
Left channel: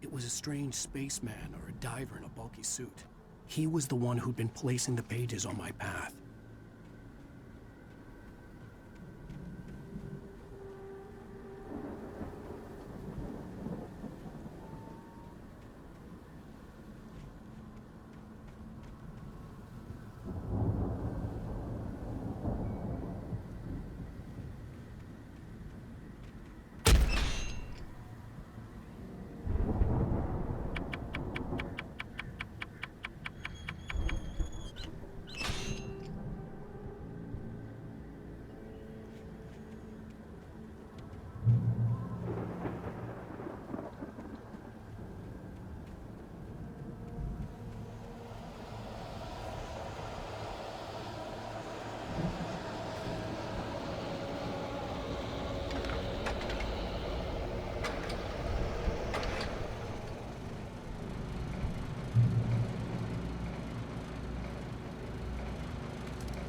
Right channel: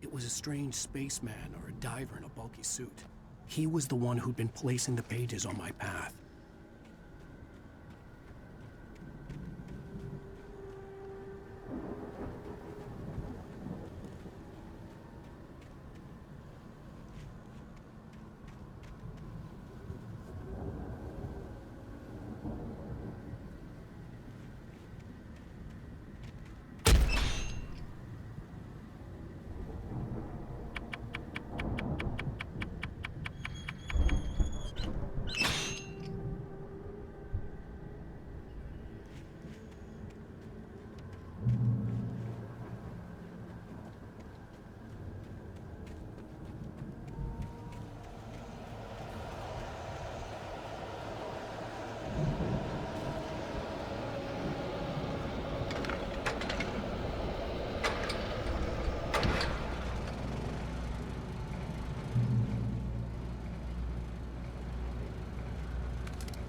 it was a strange spaceman or a diver in a bulky suit. He was the one who'd been placing the pages on my path.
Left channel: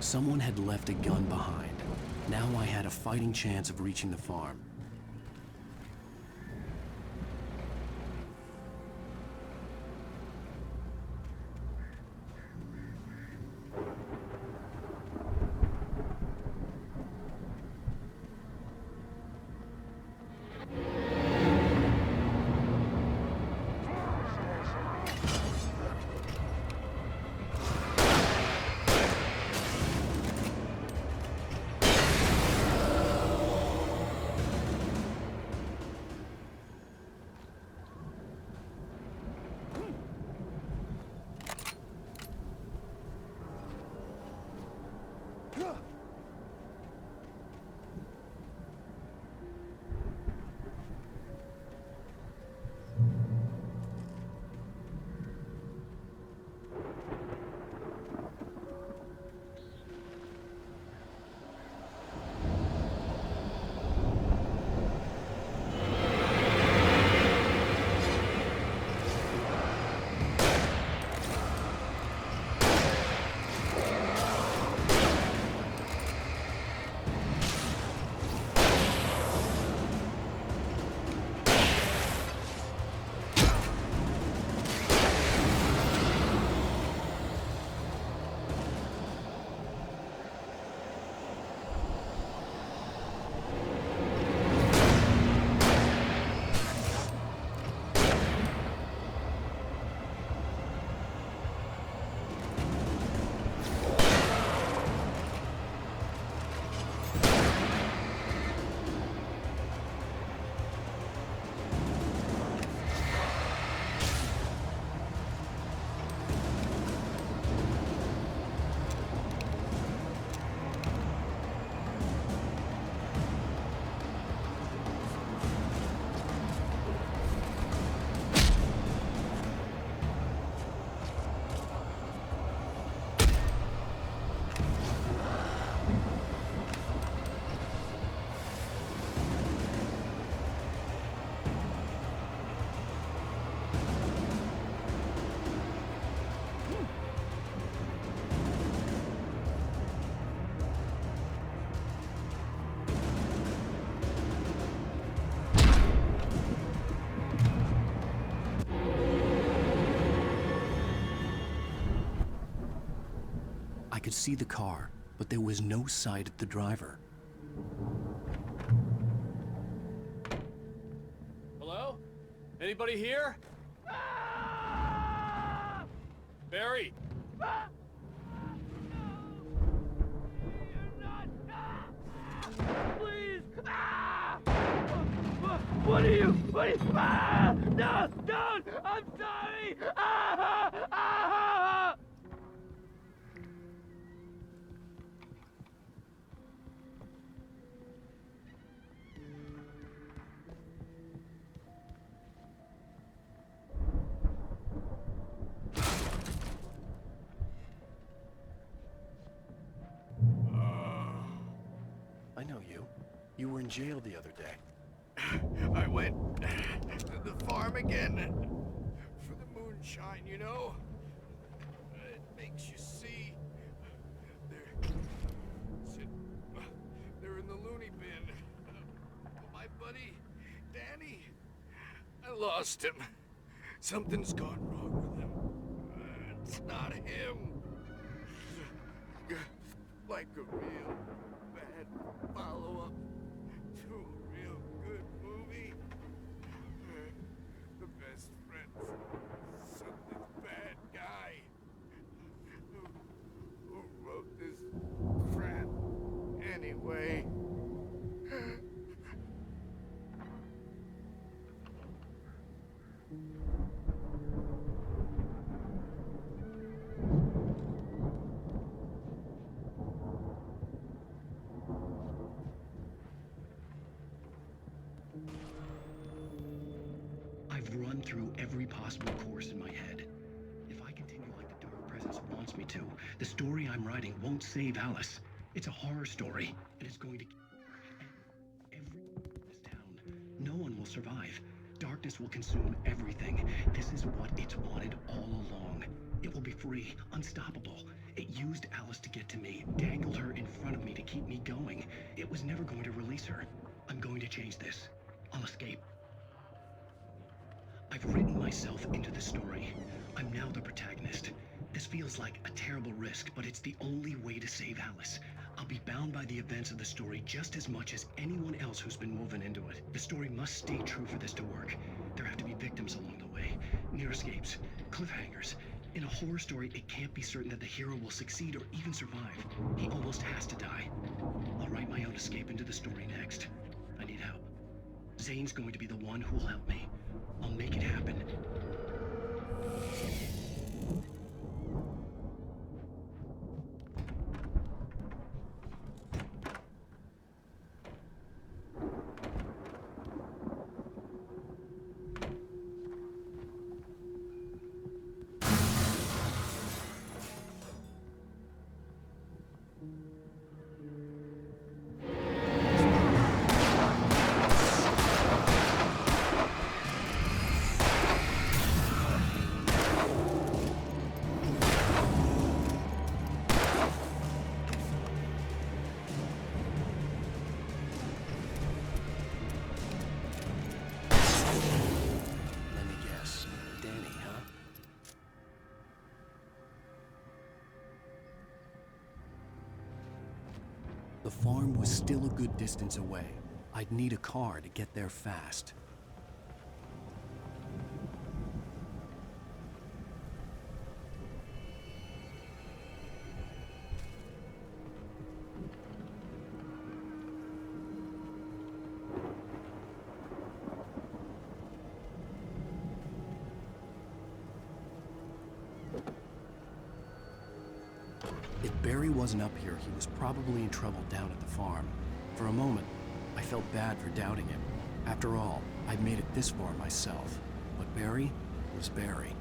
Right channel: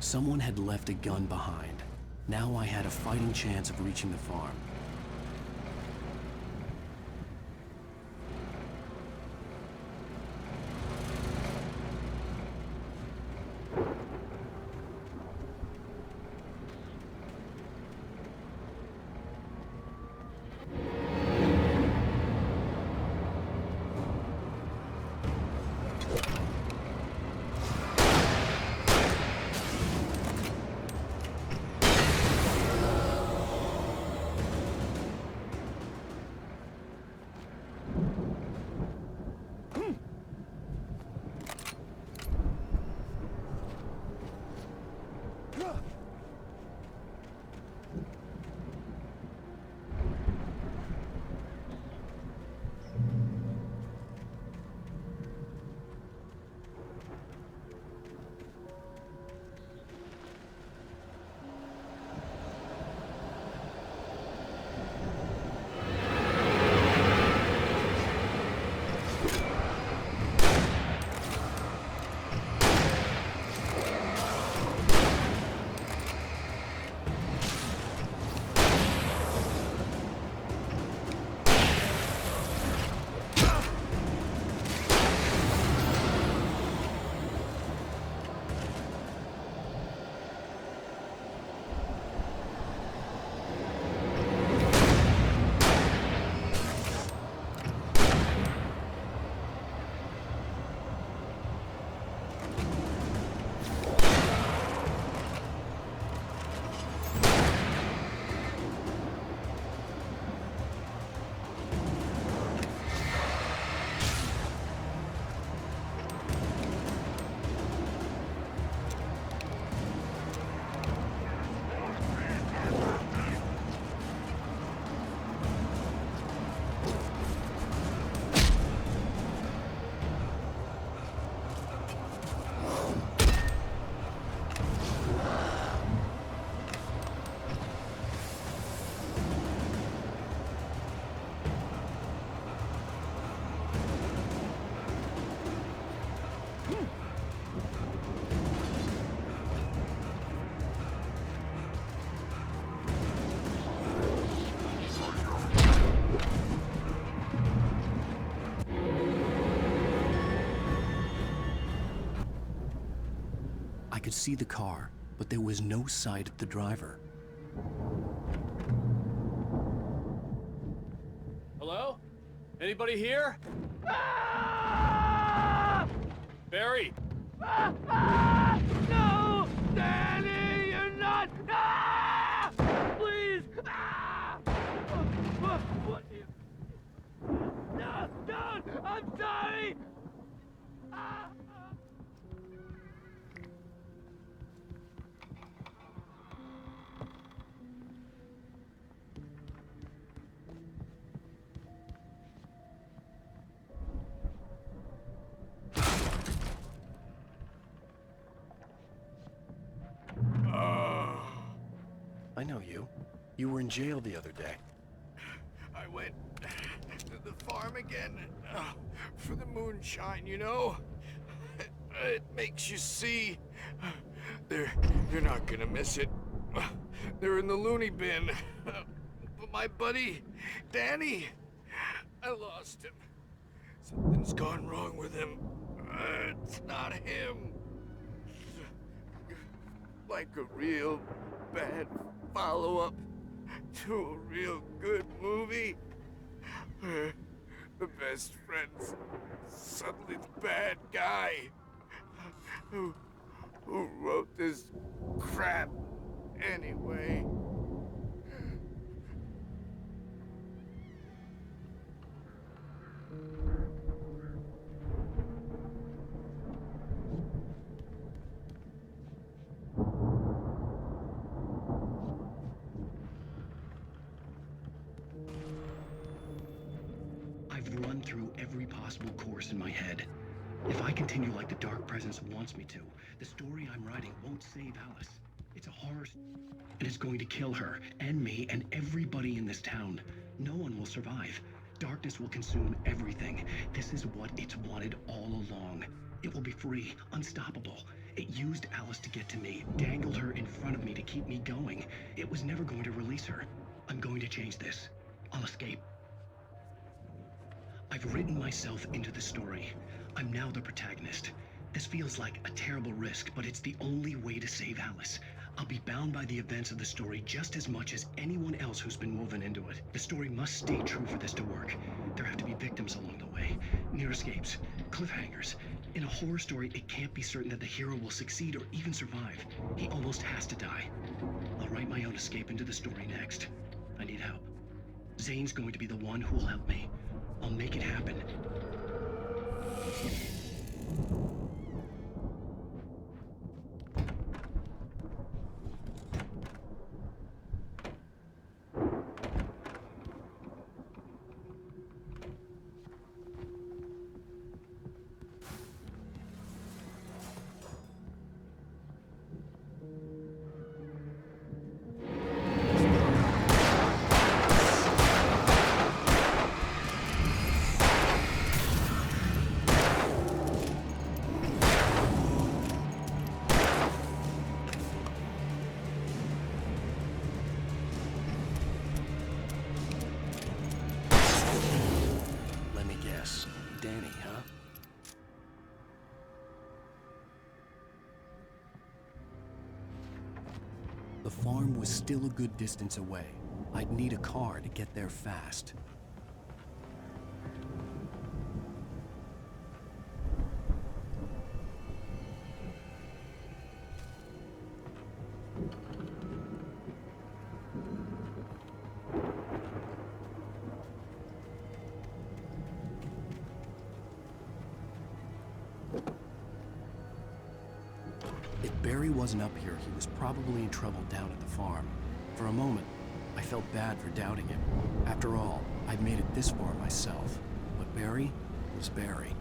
Someone had left a gun behind. Now I had a fighting chance of reaching the farm. I could see the car, but there was no sight of the driver. Hello? Anybody here? Barry! No! Danny, you're not! Please! What are you? No! Don't! I'm sorry! I know you. You were in jail the other day. I went to the farm again for the moonshine, you know? It makes you see. You're not gonna miss it. They're in the loony bin. But my buddy, Danny, I lost him. Something's gone wrong with him. It's not him. Like a real bad follow-up to a real good movie. Where the best friend's suddenly the bad guy. Who wrote this crap anyway? I've run through every possible course in my head. If I continue like the Dark Presence wants me to, the story I'm writing won't save Alice. It's a horror story, and it's going to kill her, and me, and everybody in this town. No one will survive. Darkness will consume everything. This is what it's wanted all along. It will be free, unstoppable. It used Alice to get to me, dangled her in front of me to keep me going. It was never going to release her. I'm going to change this. I'll escape. I've written myself into the story. I'm now the protagonist. This feels like a terrible risk, but it's the only way to save Alice. I'll be bound by the events of the story just as much as anyone else who's been woven into it. The story must stay true for this to work. There have to be victims along the way, near escapes, cliffhangers. In a horror story, it can't be certain that the hero will succeed or even survive. He almost has to die. I'll write my own escape into the story next. I need help. Zane's going to be the one who'll help me. I'll make it happen. Danny, huh? The farm was still a good distance away. I'd need a car to get there fast. If Barry wasn't up here, he was probably in trouble down at the farm. For a moment, I felt bad for doubting him. After all, I'd made it this far myself. But Barry was Barry.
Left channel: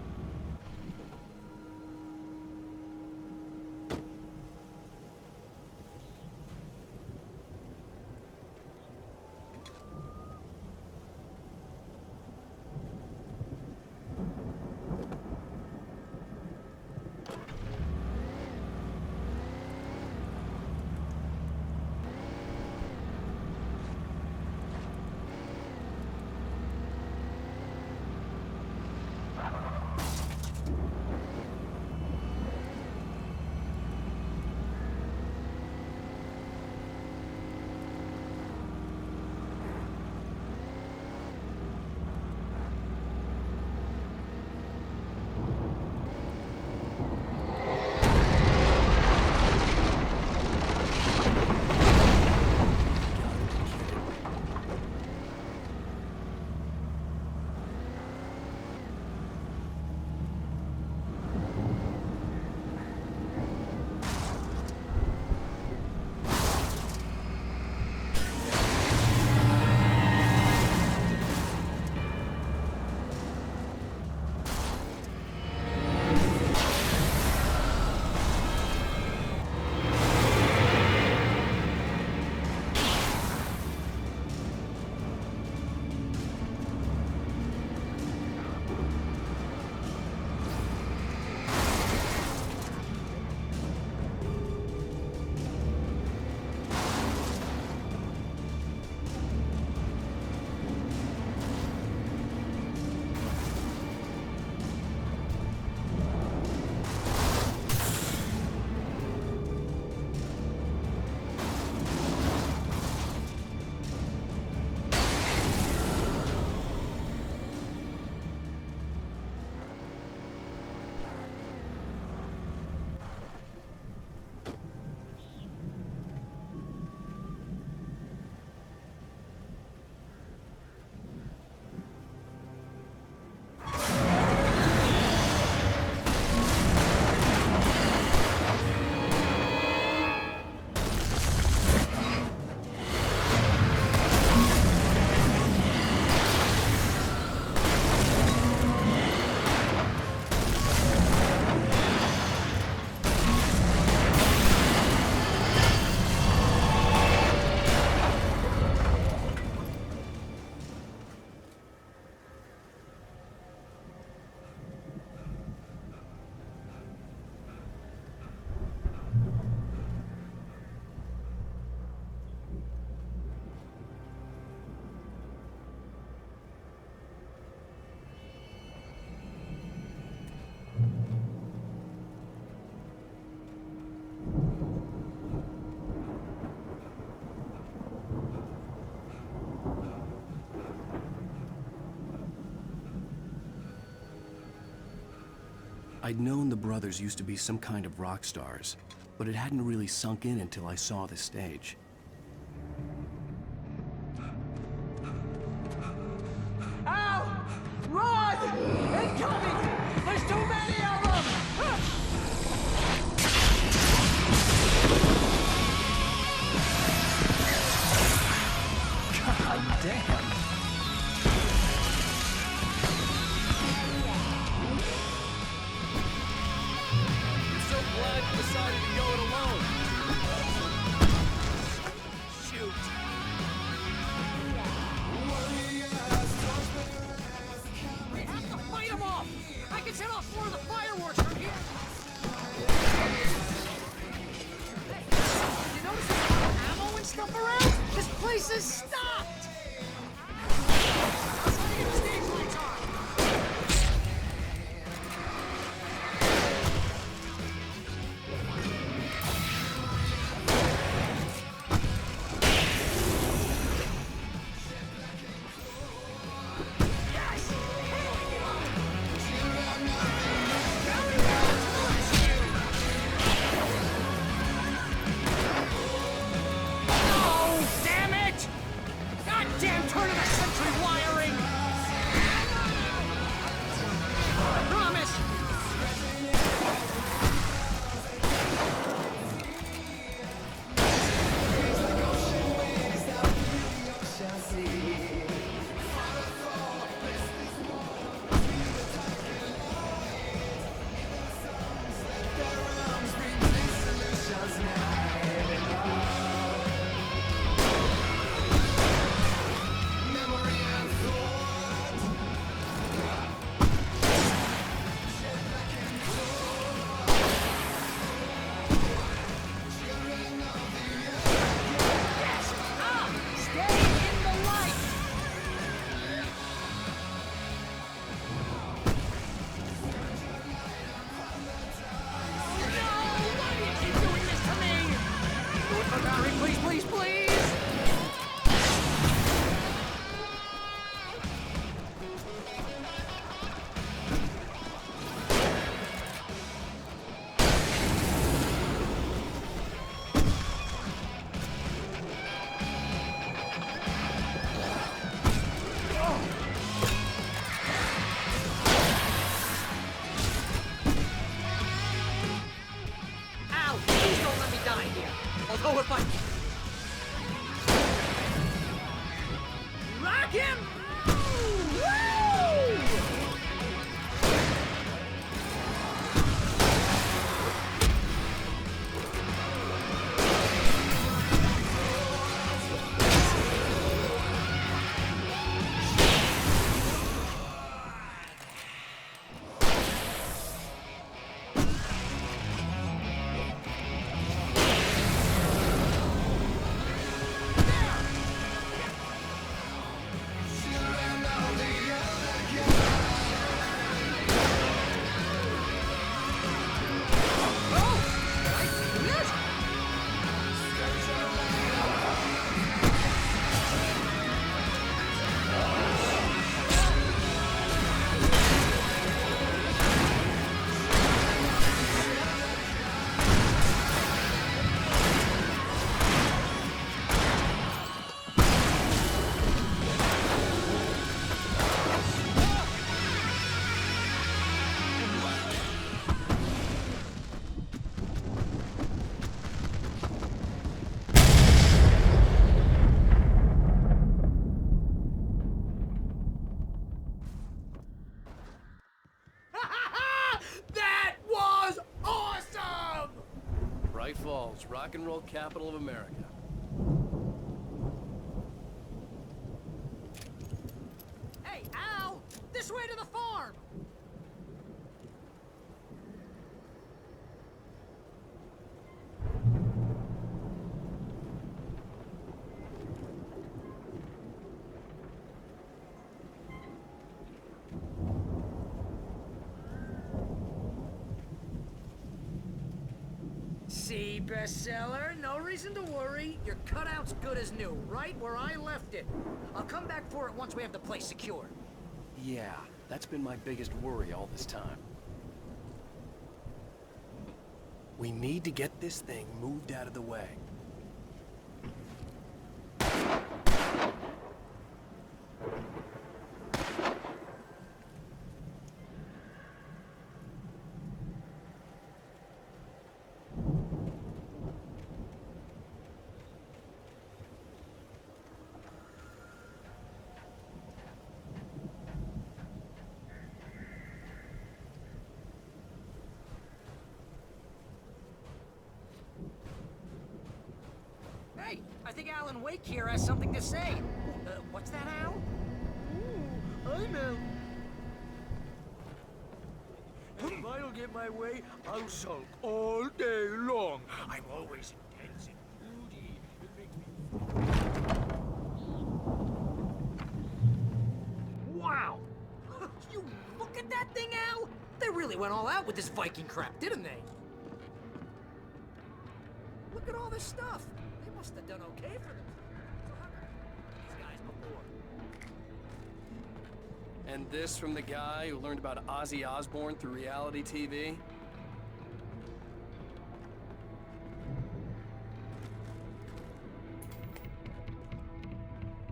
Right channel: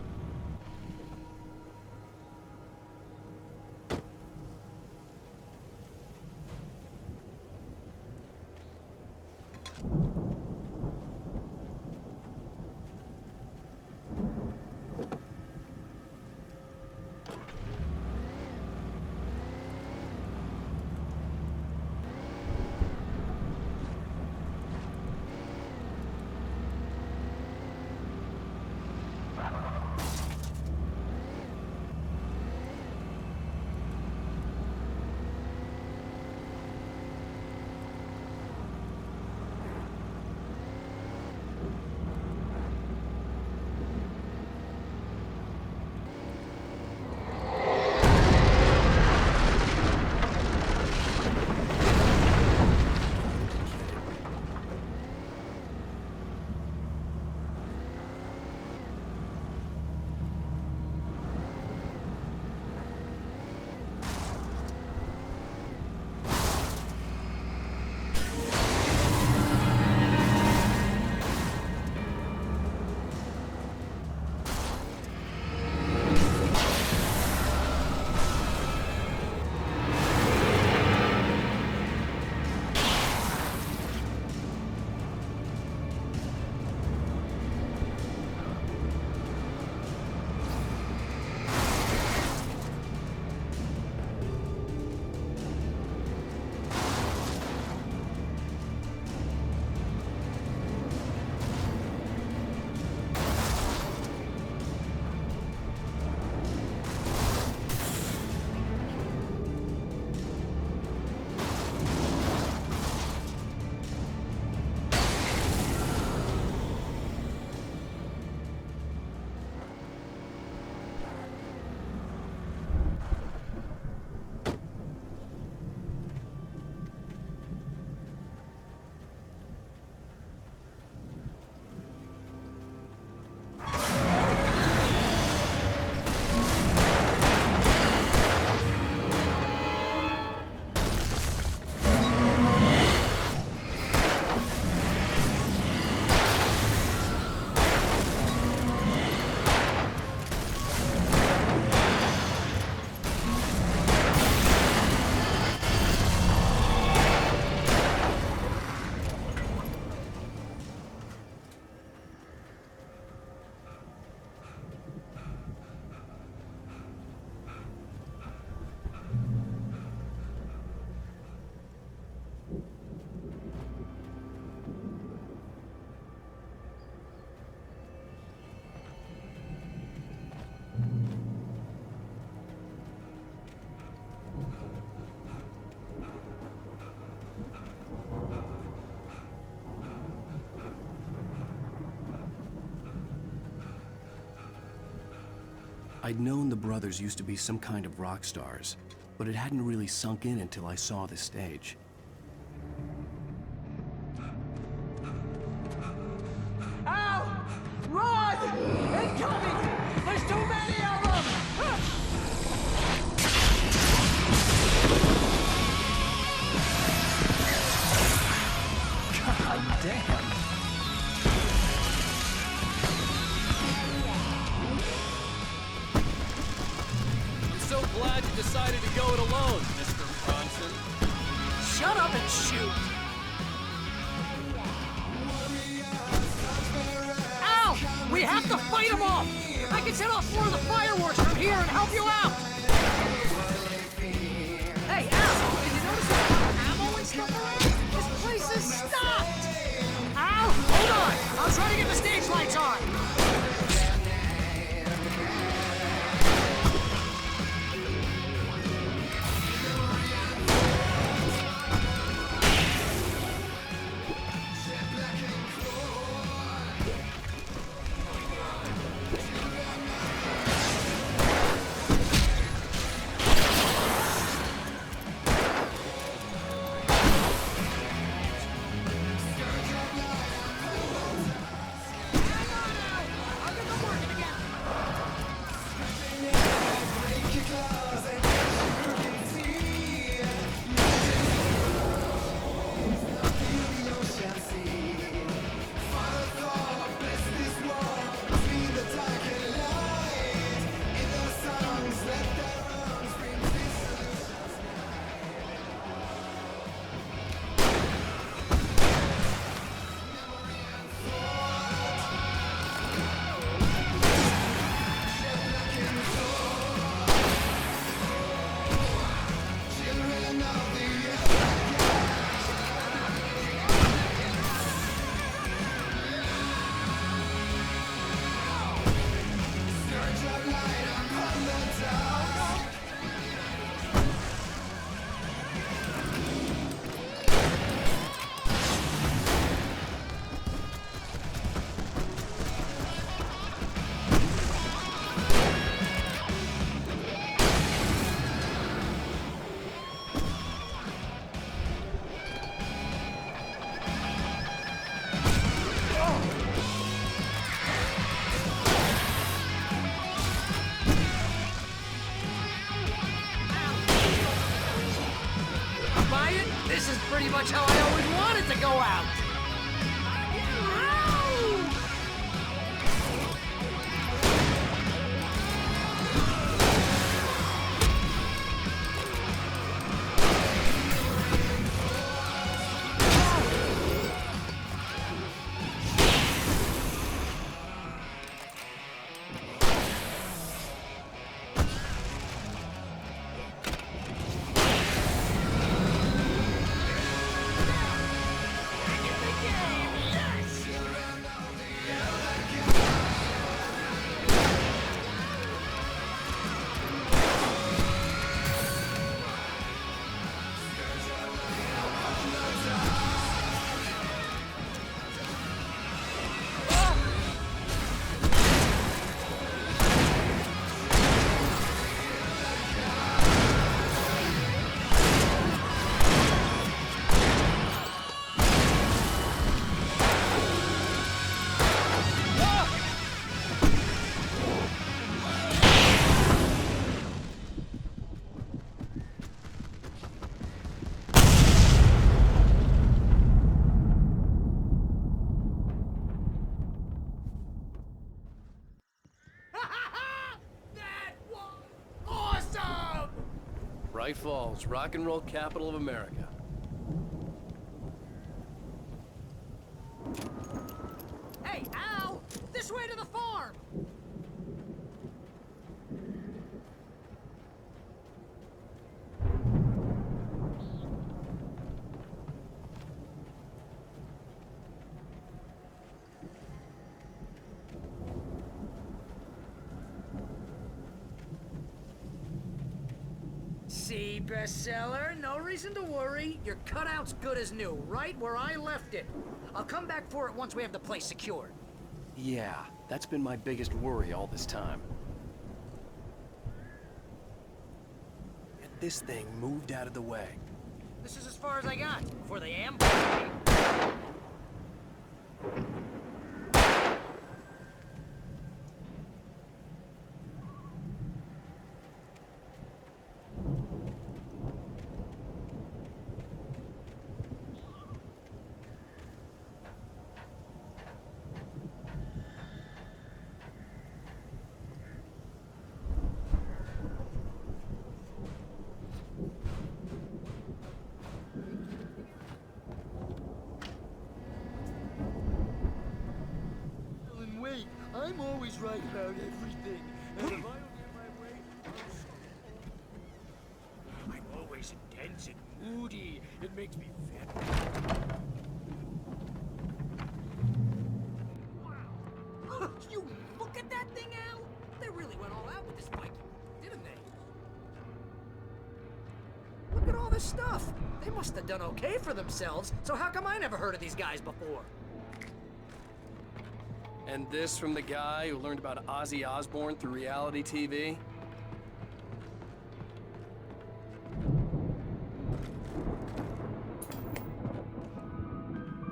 I'd known the brothers used to be some kind of rock stars, but it hadn't really sunk in until I saw the stage. Al! Run! Incoming! There's too many of them! God damn! So glad you decided to go it alone, Mr. Johnson. Shut up and shoot! Ow! We have to fight them off! I can set off 4 of the fireworks from here and help you out! Hey, Al! Did you notice there's a lot of ammo and stuff around? This place is stocked! Al! Hold on! I'll try to get the stage lights on! Bright Falls, rock and roll capital of America. Hey, Al! This way to the farm! See, bestseller? No reason to worry. Your cutout's good as new, right where I left it. I'll come back for it once we have the place secured. Yeah, that's been my biggest worry all this time. We need to get this thing moved out of the way. This is as far as I got before they ambush me. Hey, I think Alan Wake here has something to say. What's that, Al? I'm Alan Wake. I'm always right about everything. And if I don't get my way, I'll sulk all day long. I'm always intense and moody. It makes me Wow! You look at that thing, Al! They really went all out with this Viking crap, didn't they? Look at all this stuff. They must have done okay for themselves, so how come I never heard of these guys before? And this from the guy who learned about Ozzy Osbourne through reality TV?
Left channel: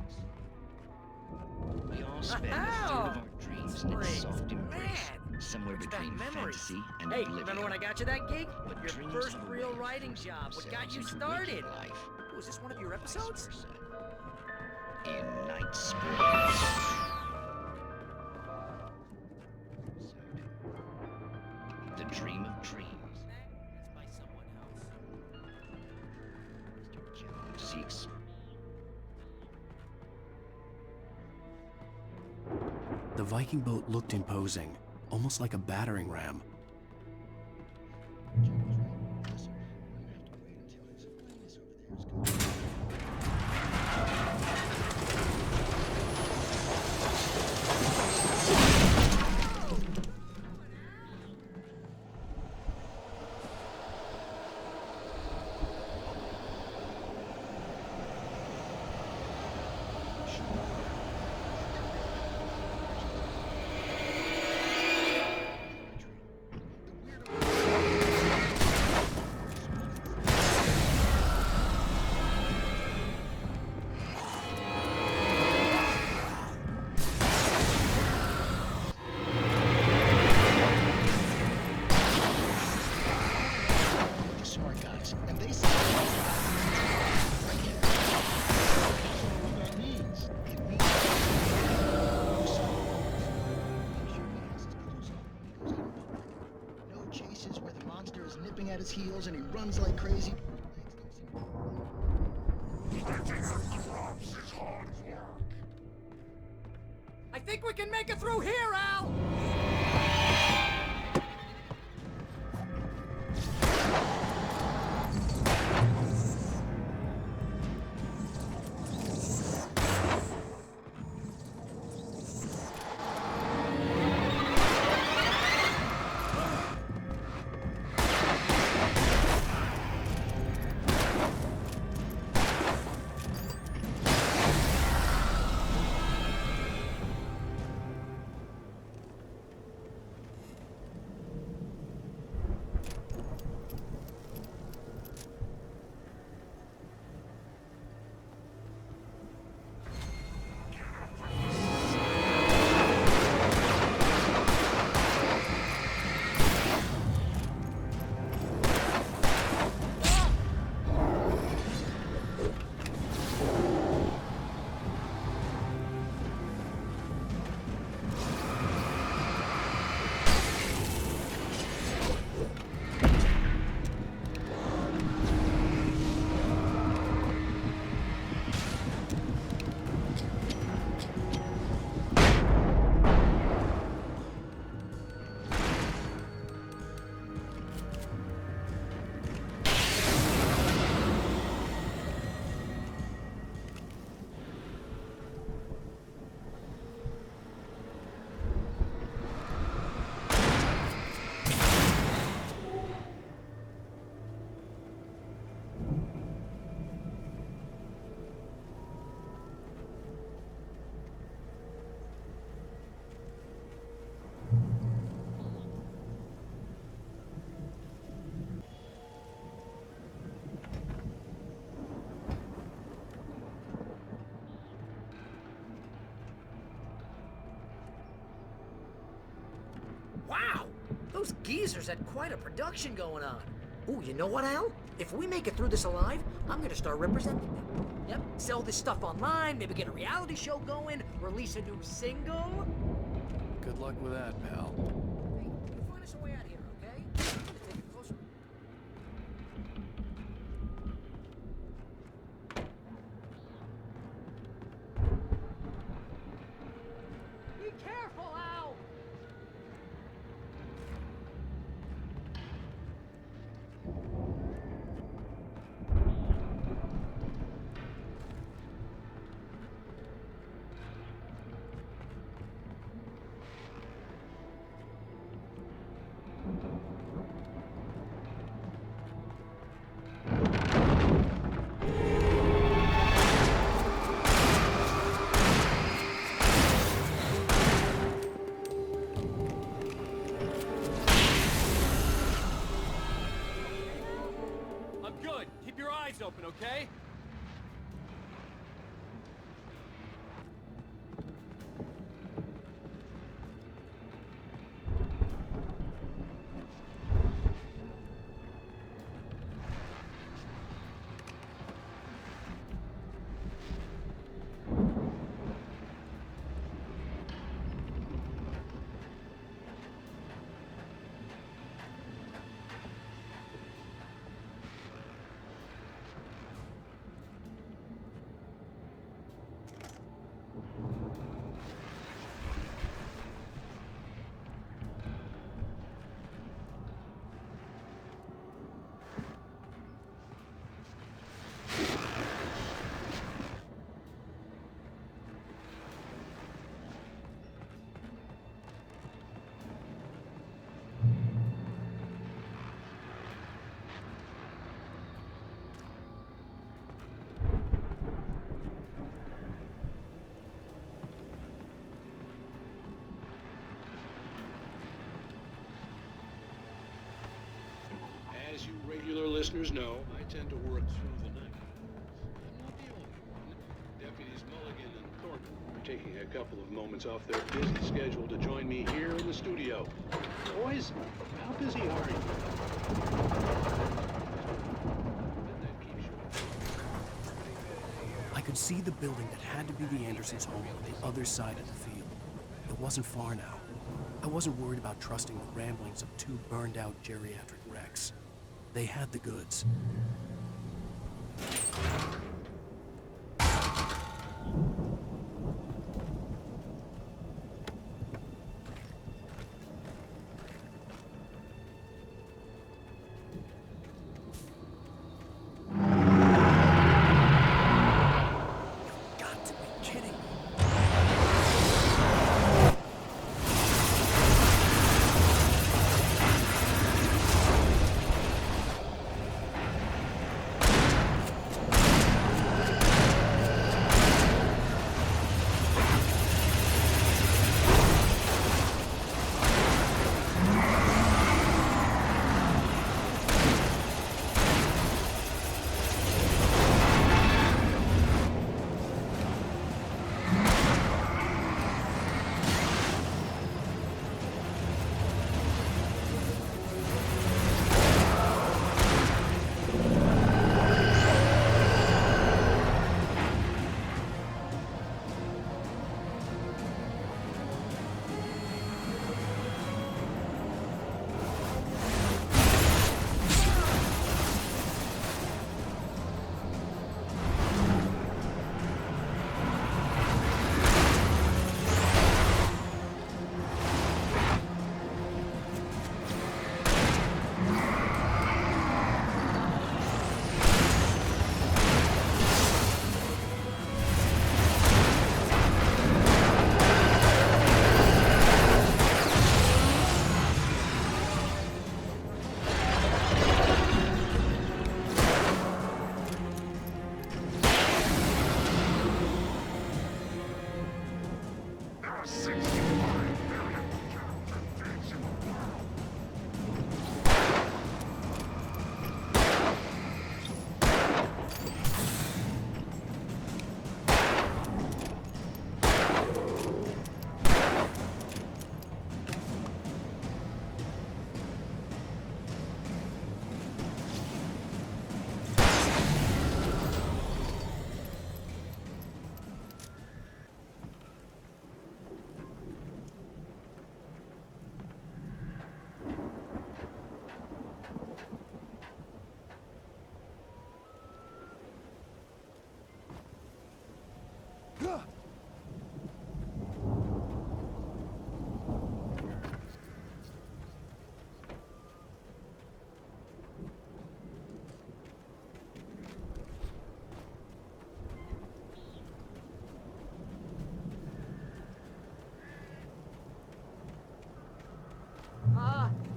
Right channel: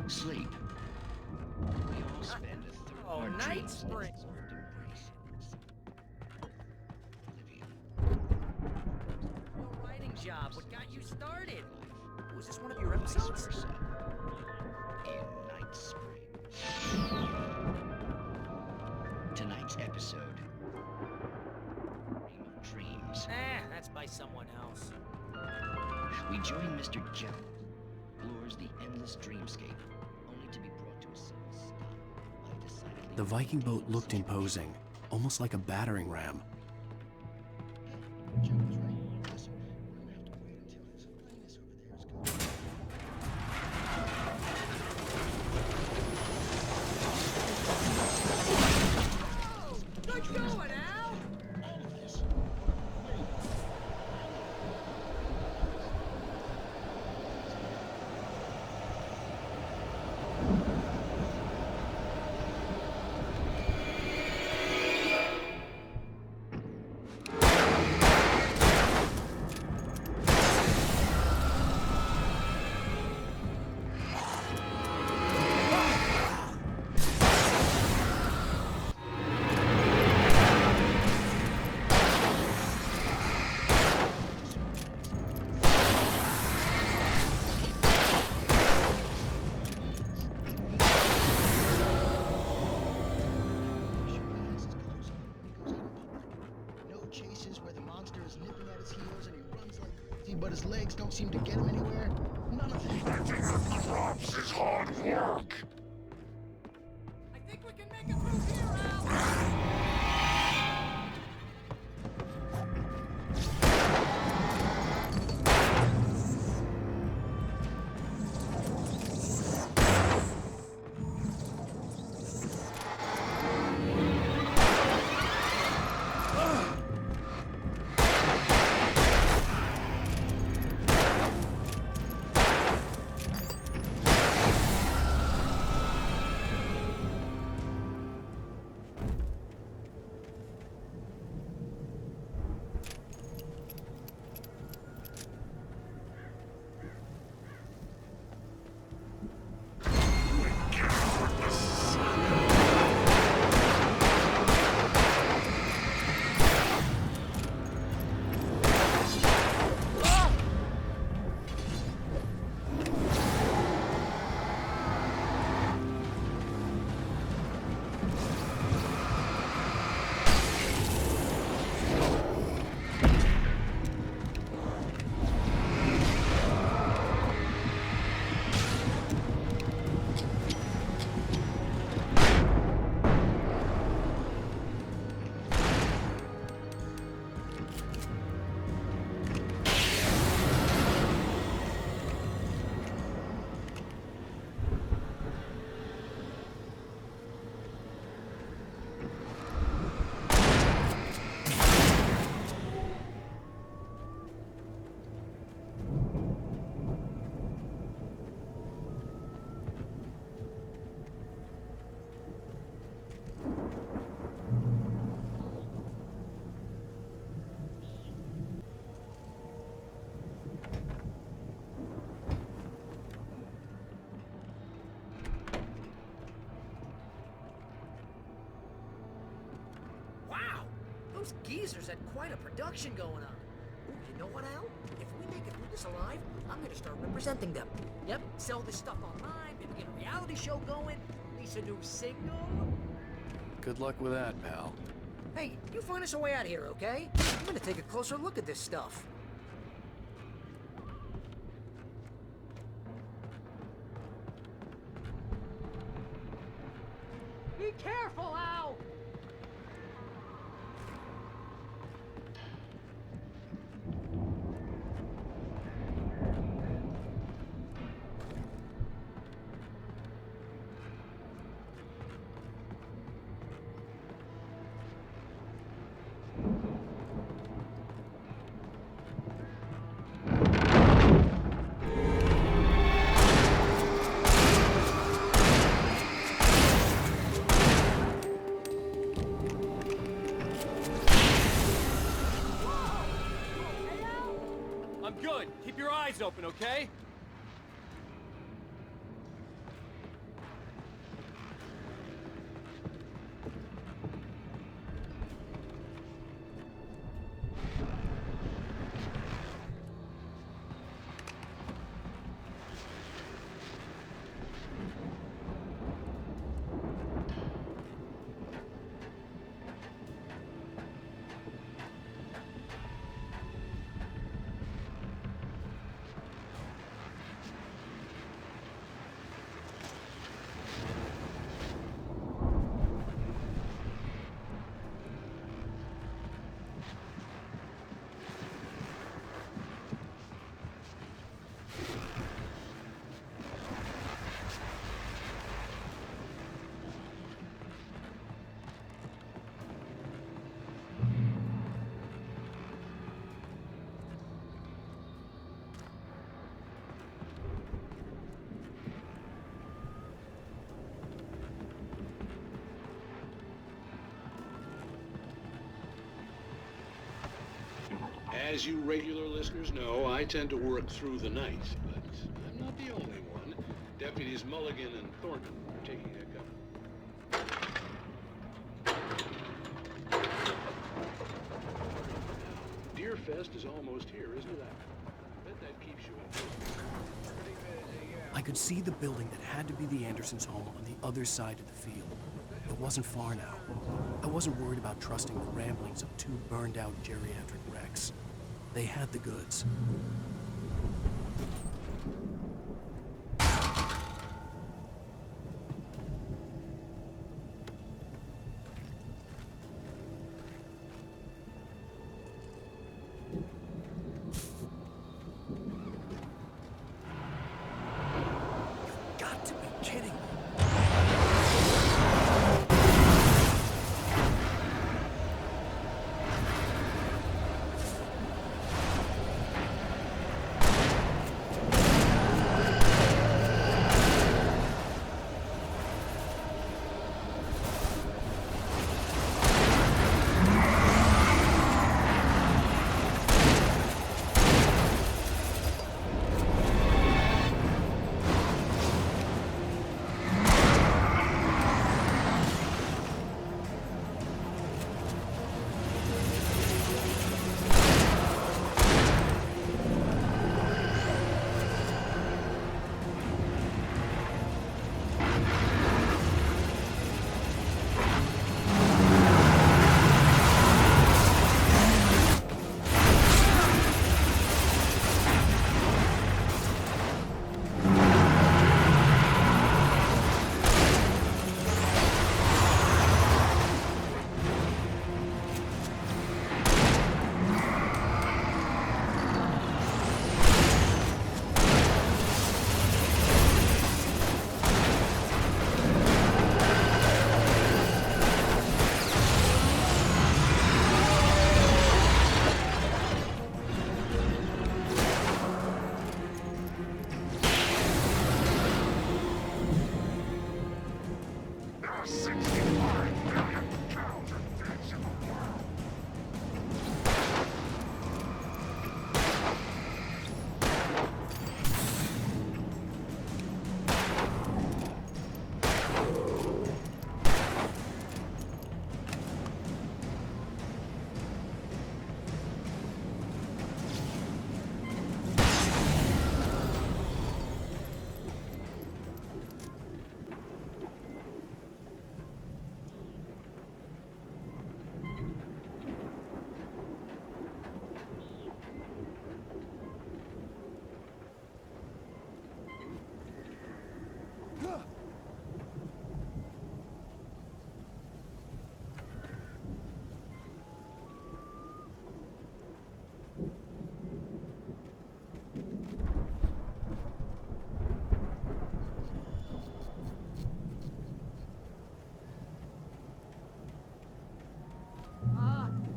Sleep. We all spend a third of our dreams in its soft embrace, somewhere between fantasy and Hey, oblivion. remember when I got you that gig? Your first real writing job. What got you started? Was this one of your episodes? In Night Springs. Tonight's episode, The Dream of Dreams. That's by someone else. We join Mr. Jones as he explores the endless dreamscape, only to be brought to a sudden stop. The Viking boat looked imposing, almost like a battering ram. Nipping at his heels and he runs like crazy, but his legs don't seem to get him anywhere. None of that. Picking up crops is hard work. I think we can make it through here, Al! Those geezers had quite a production going on. Ooh, you know what, Al? If we make it through this alive, I'm gonna start representing them. Yep, sell this stuff online, maybe get a reality show going, release a new single. Good luck with that, pal. Hey, you find us a way out of here, okay? I'm gonna take a closer look at this stuff. Be careful, Al! I'm good. Keep your eyes open, okay? As you regular listeners know, I tend to work through the night, but I'm not the only one. Deputies Mulligan and Thornton are taking a couple of moments off their busy schedule to join me here in the studio. Boys, how busy are you? The Air Force is closed here as well. I bet that keeps you up. Pretty busy, yeah. I could see the building that had to be the Andersons' home on the other side of the field. It wasn't far now. I wasn't worried about trusting the ramblings of two burned-out geriatric wrecks. They had the goods. You've got to be kidding me.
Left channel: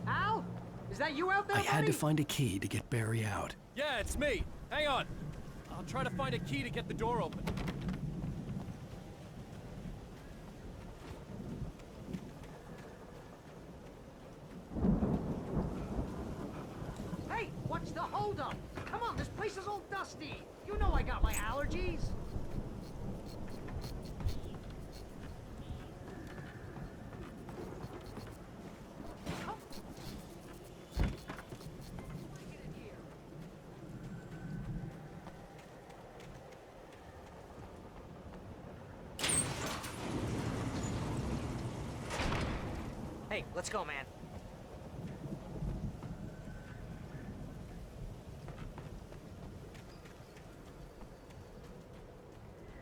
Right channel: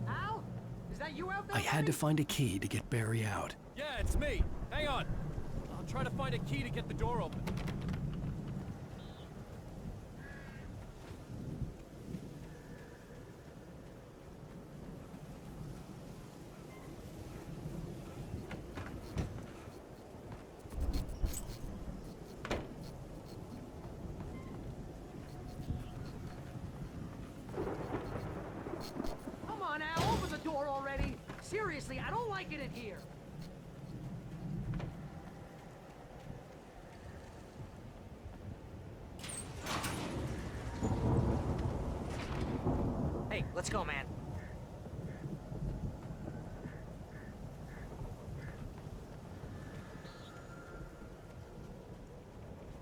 Al? Is that you out there, I had to buddy? find a key to get Barry out. Yeah, it's me. Hang on. I'll try to find a key to get the door open. Hey, what's the holdup? Come on, this place is all dusty. You know I got my allergies. Come on, Al, open the door already. Seriously, I don't like it in here. Hey, let's go, man.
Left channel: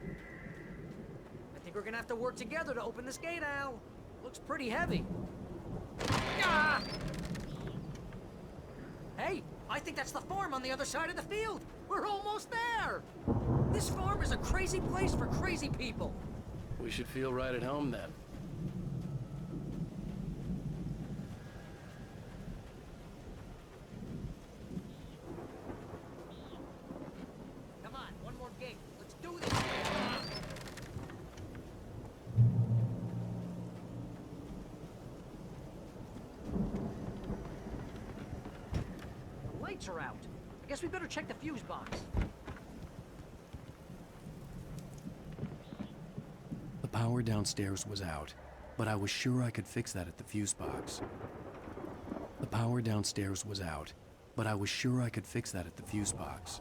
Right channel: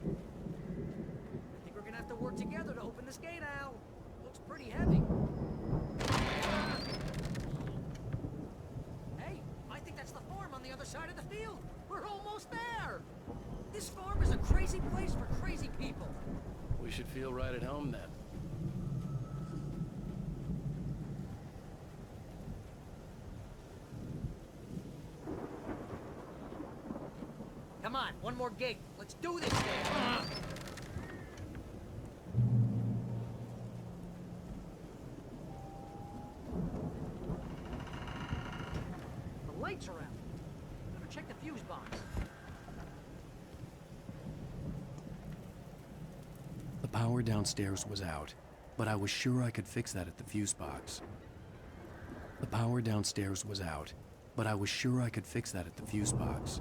I think we're gonna have to work together to open this gate, Al. Looks pretty heavy. Ah! Hey, I think that's the farm on the other side of the field. We're almost there. This farm is a crazy place for crazy people. We should feel right at home then. Come on, one more gate. Let's do this. Ah! The lights are out. I guess we better check the fuse box. The power downstairs was out, but I was sure I could fix that at the fuse box. The power downstairs was out, but I was sure I could fix that at the fuse box.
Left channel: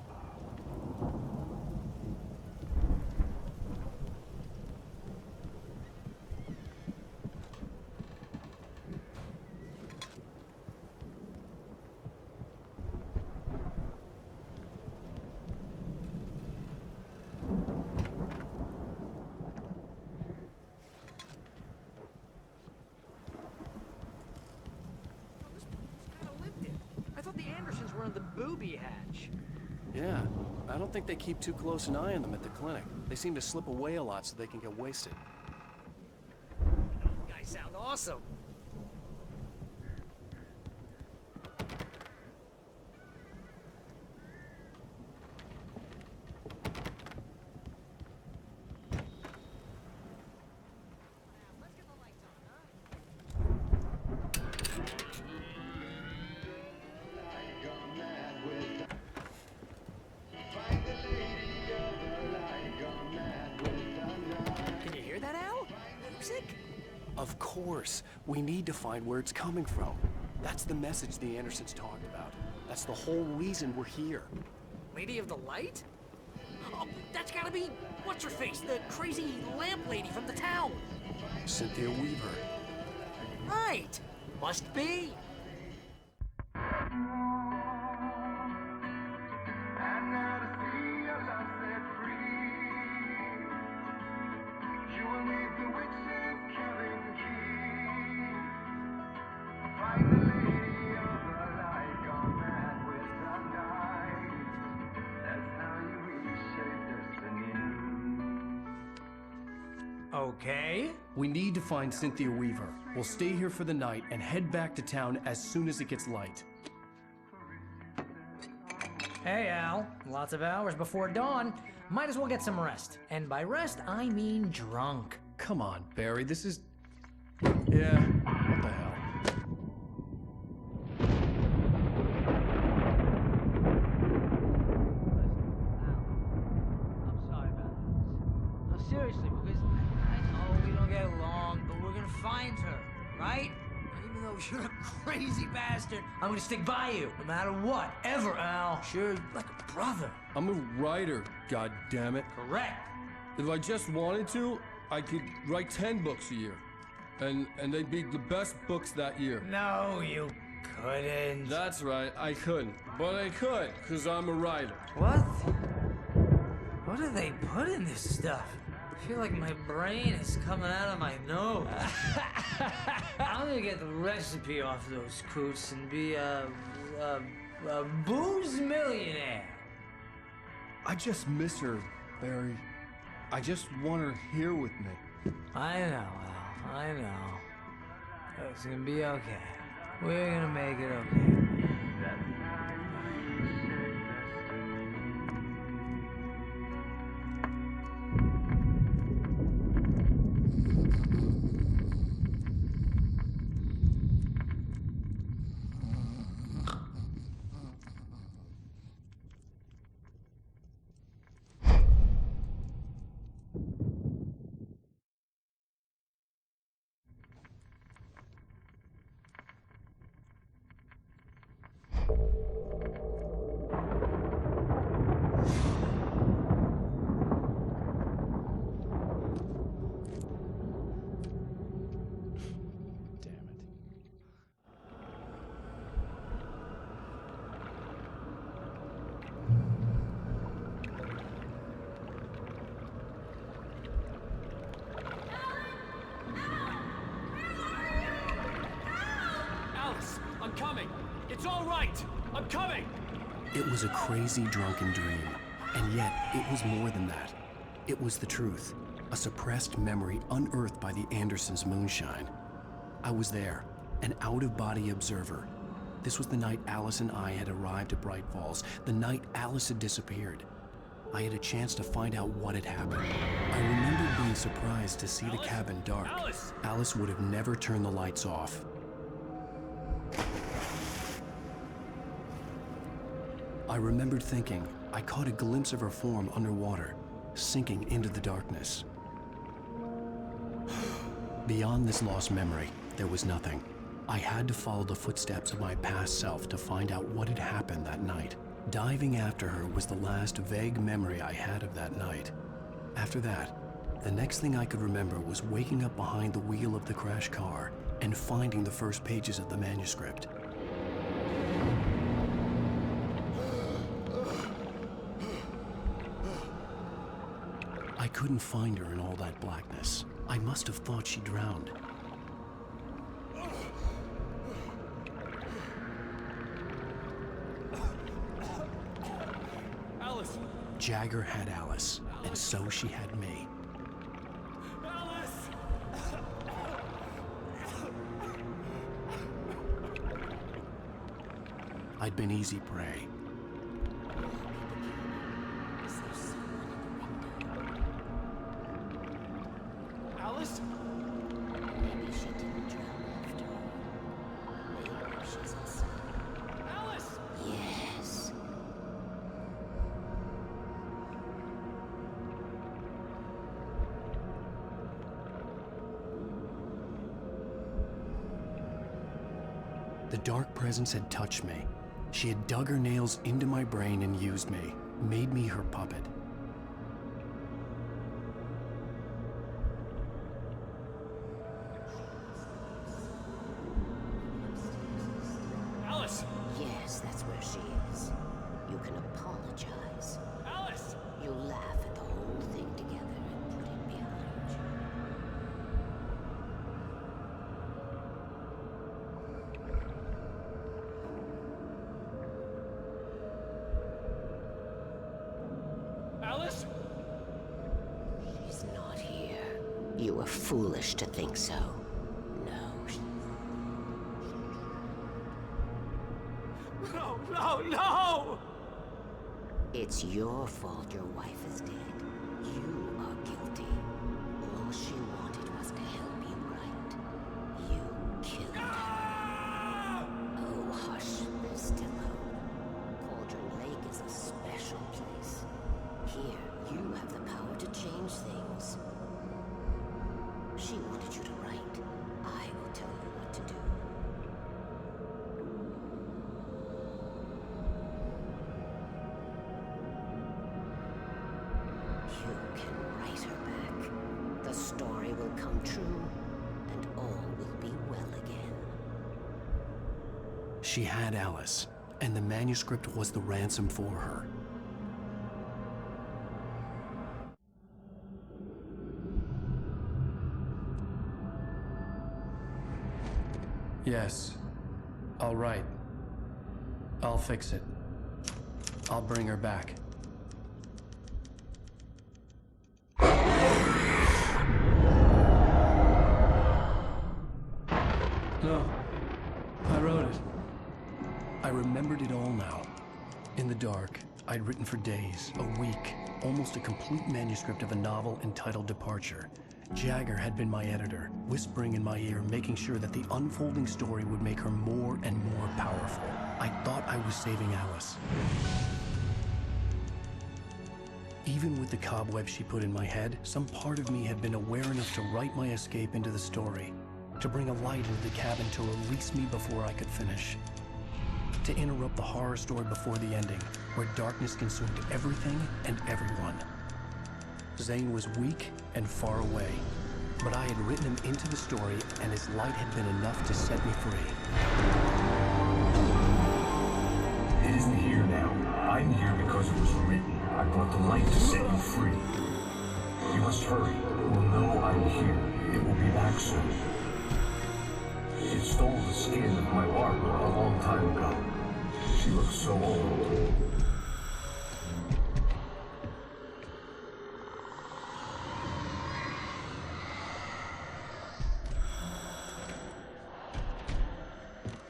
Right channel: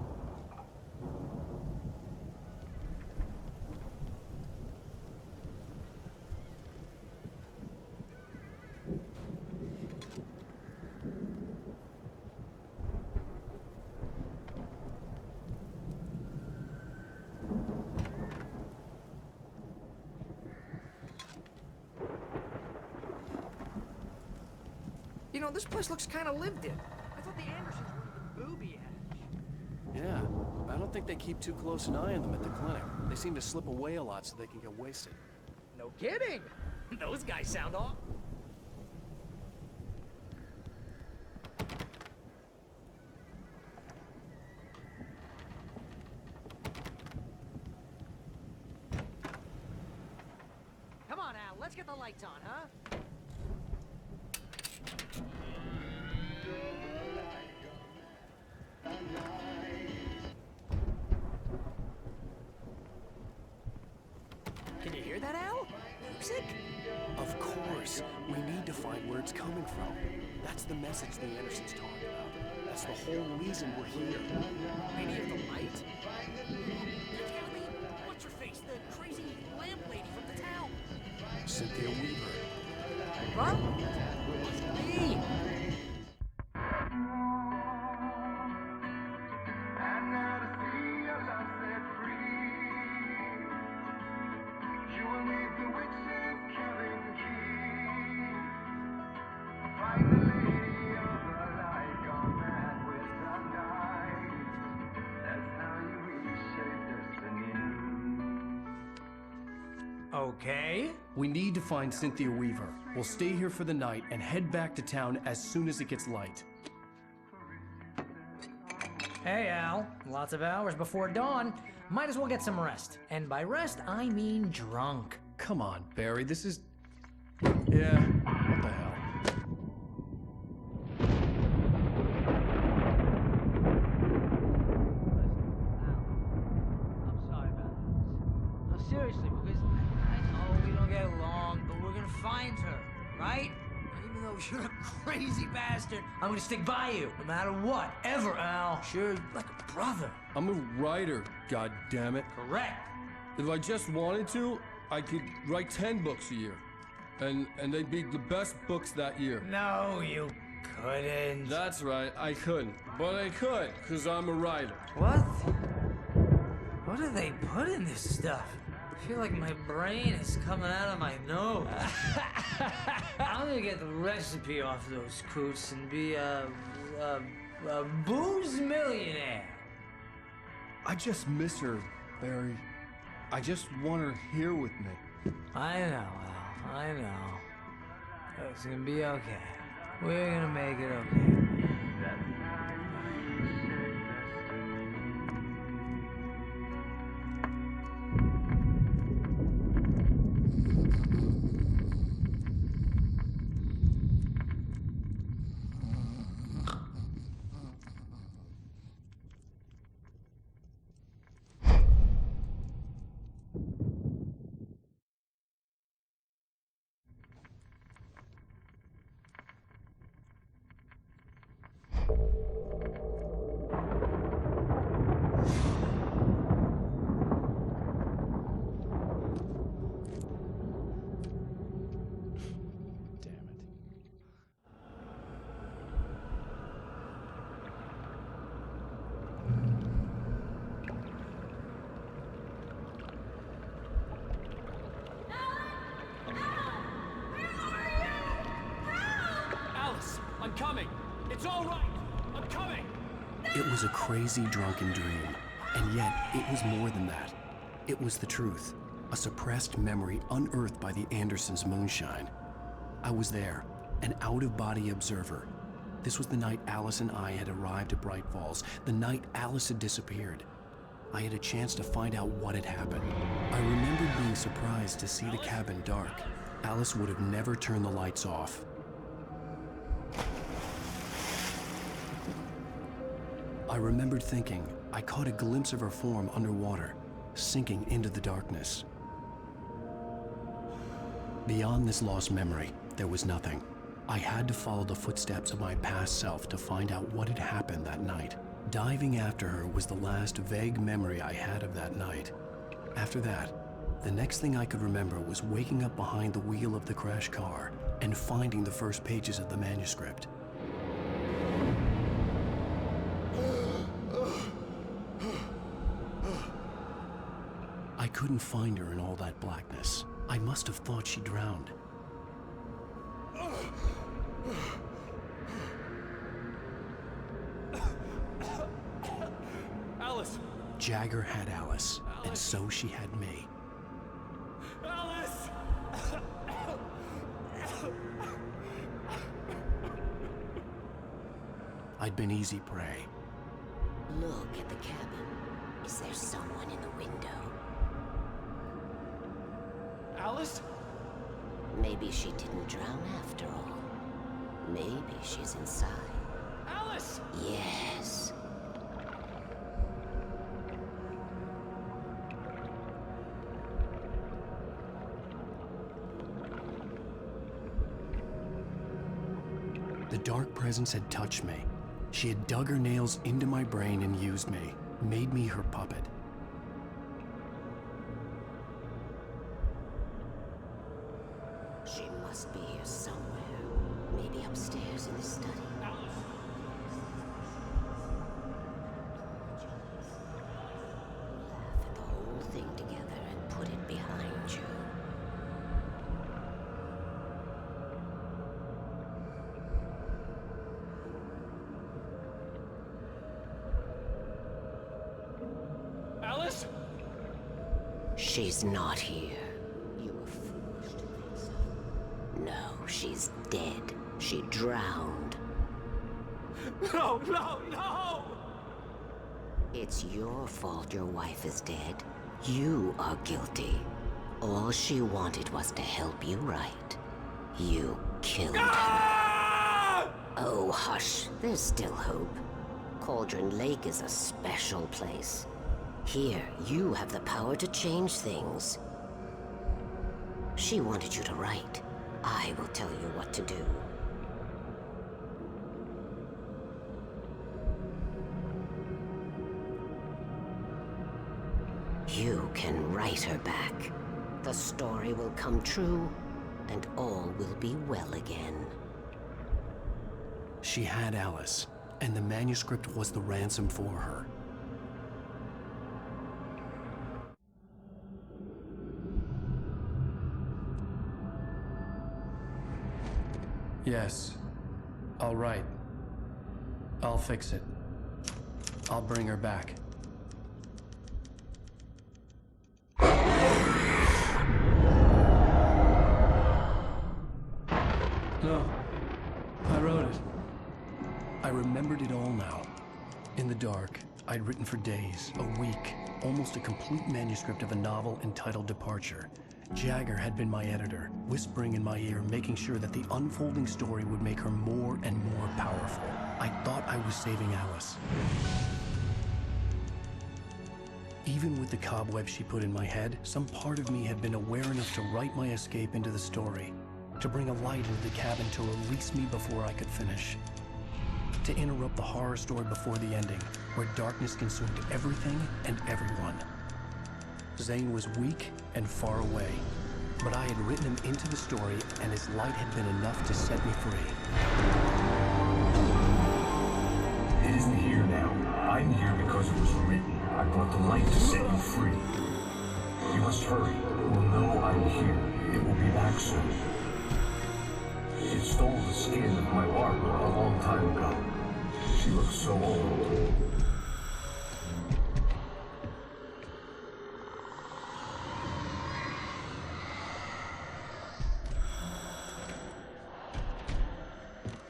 You know, this place looks kind of lived in. I thought the Andersons were in the booby hatch. Yeah, I don't think they keep too close an eye on them at the clinic. They seem to slip away a lot so they can get wasted. No kidding. Those guys sound awesome. Come on, Al. Let's get the lights on, huh? Can you hear that, Al? Music? Of course. We need to find where it's coming from. That's the message the Andersons talked about. That's the whole reason we're here. Lady of the Light? Oh, that's gotta be... What's-her-face? The crazy lamp lady from the town. Cynthia Weaver. Right. Must be. Okay. We need to find Cynthia Weaver. We'll stay here for the night and head back to town as soon as it gets light. Hey, Al. Lots of hours before dawn. Might as well get some rest. And by rest, I mean drunk. Come on, Barry, this is... Yeah, what the hell? I'm sorry about this. No, seriously, because I know we don't get along, but we're gonna find her, right? Even though you're a crazy bastard, I'm gonna stick by you, no matter what, ever, Al. Sure, like a brother. I'm a writer, goddammit. Correct. If I just wanted to, I could write 10 books a year. And they'd be the best books that year. No, you couldn't. That's right, I couldn't. But I could, because I'm a writer. What? What do they put in this stuff? I feel like my brain is coming out of my nose. I'm gonna get the recipe off those coots and be a booze millionaire. I just miss her, Barry. I just want her here with me. I know, Al. I know. It's gonna be okay. We're gonna make it okay. Alice, I'm coming. It's all right. I'm coming. It was a crazy, drunken dream, and yet it was more than that. It was the truth, a suppressed memory unearthed by the Andersons' moonshine. I was there, an out-of-body observer. This was the night Alice and I had arrived at Bright Falls, the night Alice had disappeared. I had a chance to find out what had happened. I remembered being surprised to see the cabin dark. Alice would have never turned the lights off. I remembered thinking I caught a glimpse of her form underwater, sinking into the darkness. Beyond this lost memory, there was nothing. I had to follow the footsteps of my past self to find out what had happened that night. Diving after her was the last vague memory I had of that night. After that, the next thing I could remember was waking up behind the wheel of the crashed car and finding the first pages of the manuscript. I couldn't find her in all that blackness. I must have thought she drowned. Alice! Jagger had Alice, and so she had me. Alice! I'd been easy prey. Look at the cabin. Is there someone in the window? Alice? Maybe she didn't drown after all. Maybe she's inside. Alice! Yes. The dark presence had touched me. She had dug her nails into my brain and used me, made me her puppet. She must be here somewhere. Maybe upstairs in the study. Alice! Yes, that's where she is. You can apologize. Alice! You laugh at the whole thing together and put it behind you. Alice? She's not here. You were foolish to think so. No, she's dead. She drowned. No, no, no! It's your fault your wife is dead. You are guilty. All she wanted was to help you right. You killed her. Oh, hush. There's still hope. Cauldron Lake is a special place. Here, you have the power to change things. She wanted you to write. I will tell you what to do. You can write her back. The story will come true, and all will be well again. She had Alice, and the manuscript was the ransom for her. Yes. All right. I'll fix it. I'll bring her back. No. I wrote it. I remembered it all now. In the dark, I'd written for days, a week, almost a complete manuscript of a novel entitled Departure. Jagger had been my editor, whispering in my ear, making sure that the unfolding story would make her more and more powerful. I thought I was saving Alice. Even with the cobweb she put in my head, some part of me had been aware enough to write my escape into the story, to bring a light into the cabin to release me before I could finish. To interrupt the horror story before the ending, where darkness consumed everything and everyone. Zane was weak and far away, but I had written him into the story, and his light had been enough to set me free. It isn't here now. I'm here because it was written. I brought the light to set you free. You must hurry. It will know I'm here. It will be back soon. It stole the skin of my Barbara a long time ago. She looks so old.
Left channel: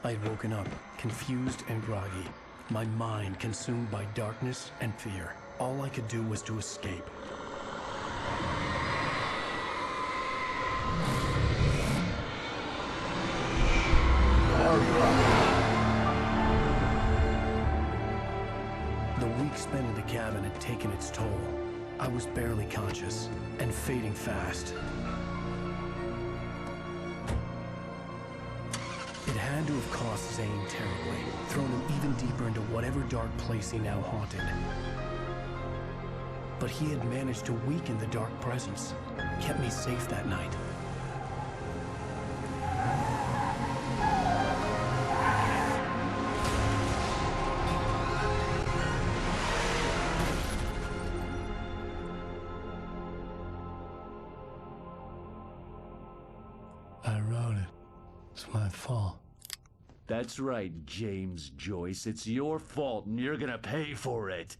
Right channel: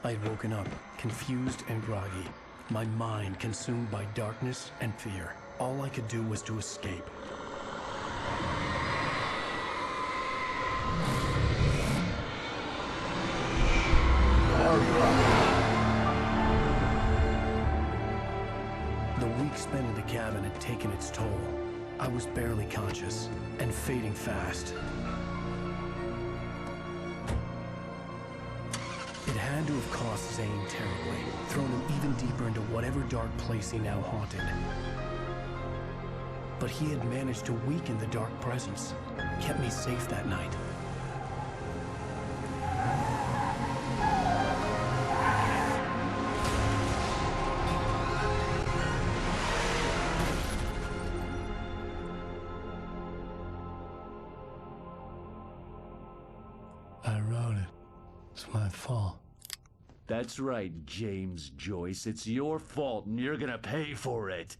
I had woken up, confused and groggy, my mind consumed by darkness and fear. All I could do was to escape. The week spent in the cabin had taken its toll. I was barely conscious, and fading fast. It had to have cost Zane terribly, thrown him even deeper into whatever dark place he now haunted. But he had managed to weaken the dark presence, kept me safe that night. I wrote it. It's my fault. That's right, James Joyce. It's your fault, and you're gonna pay for it.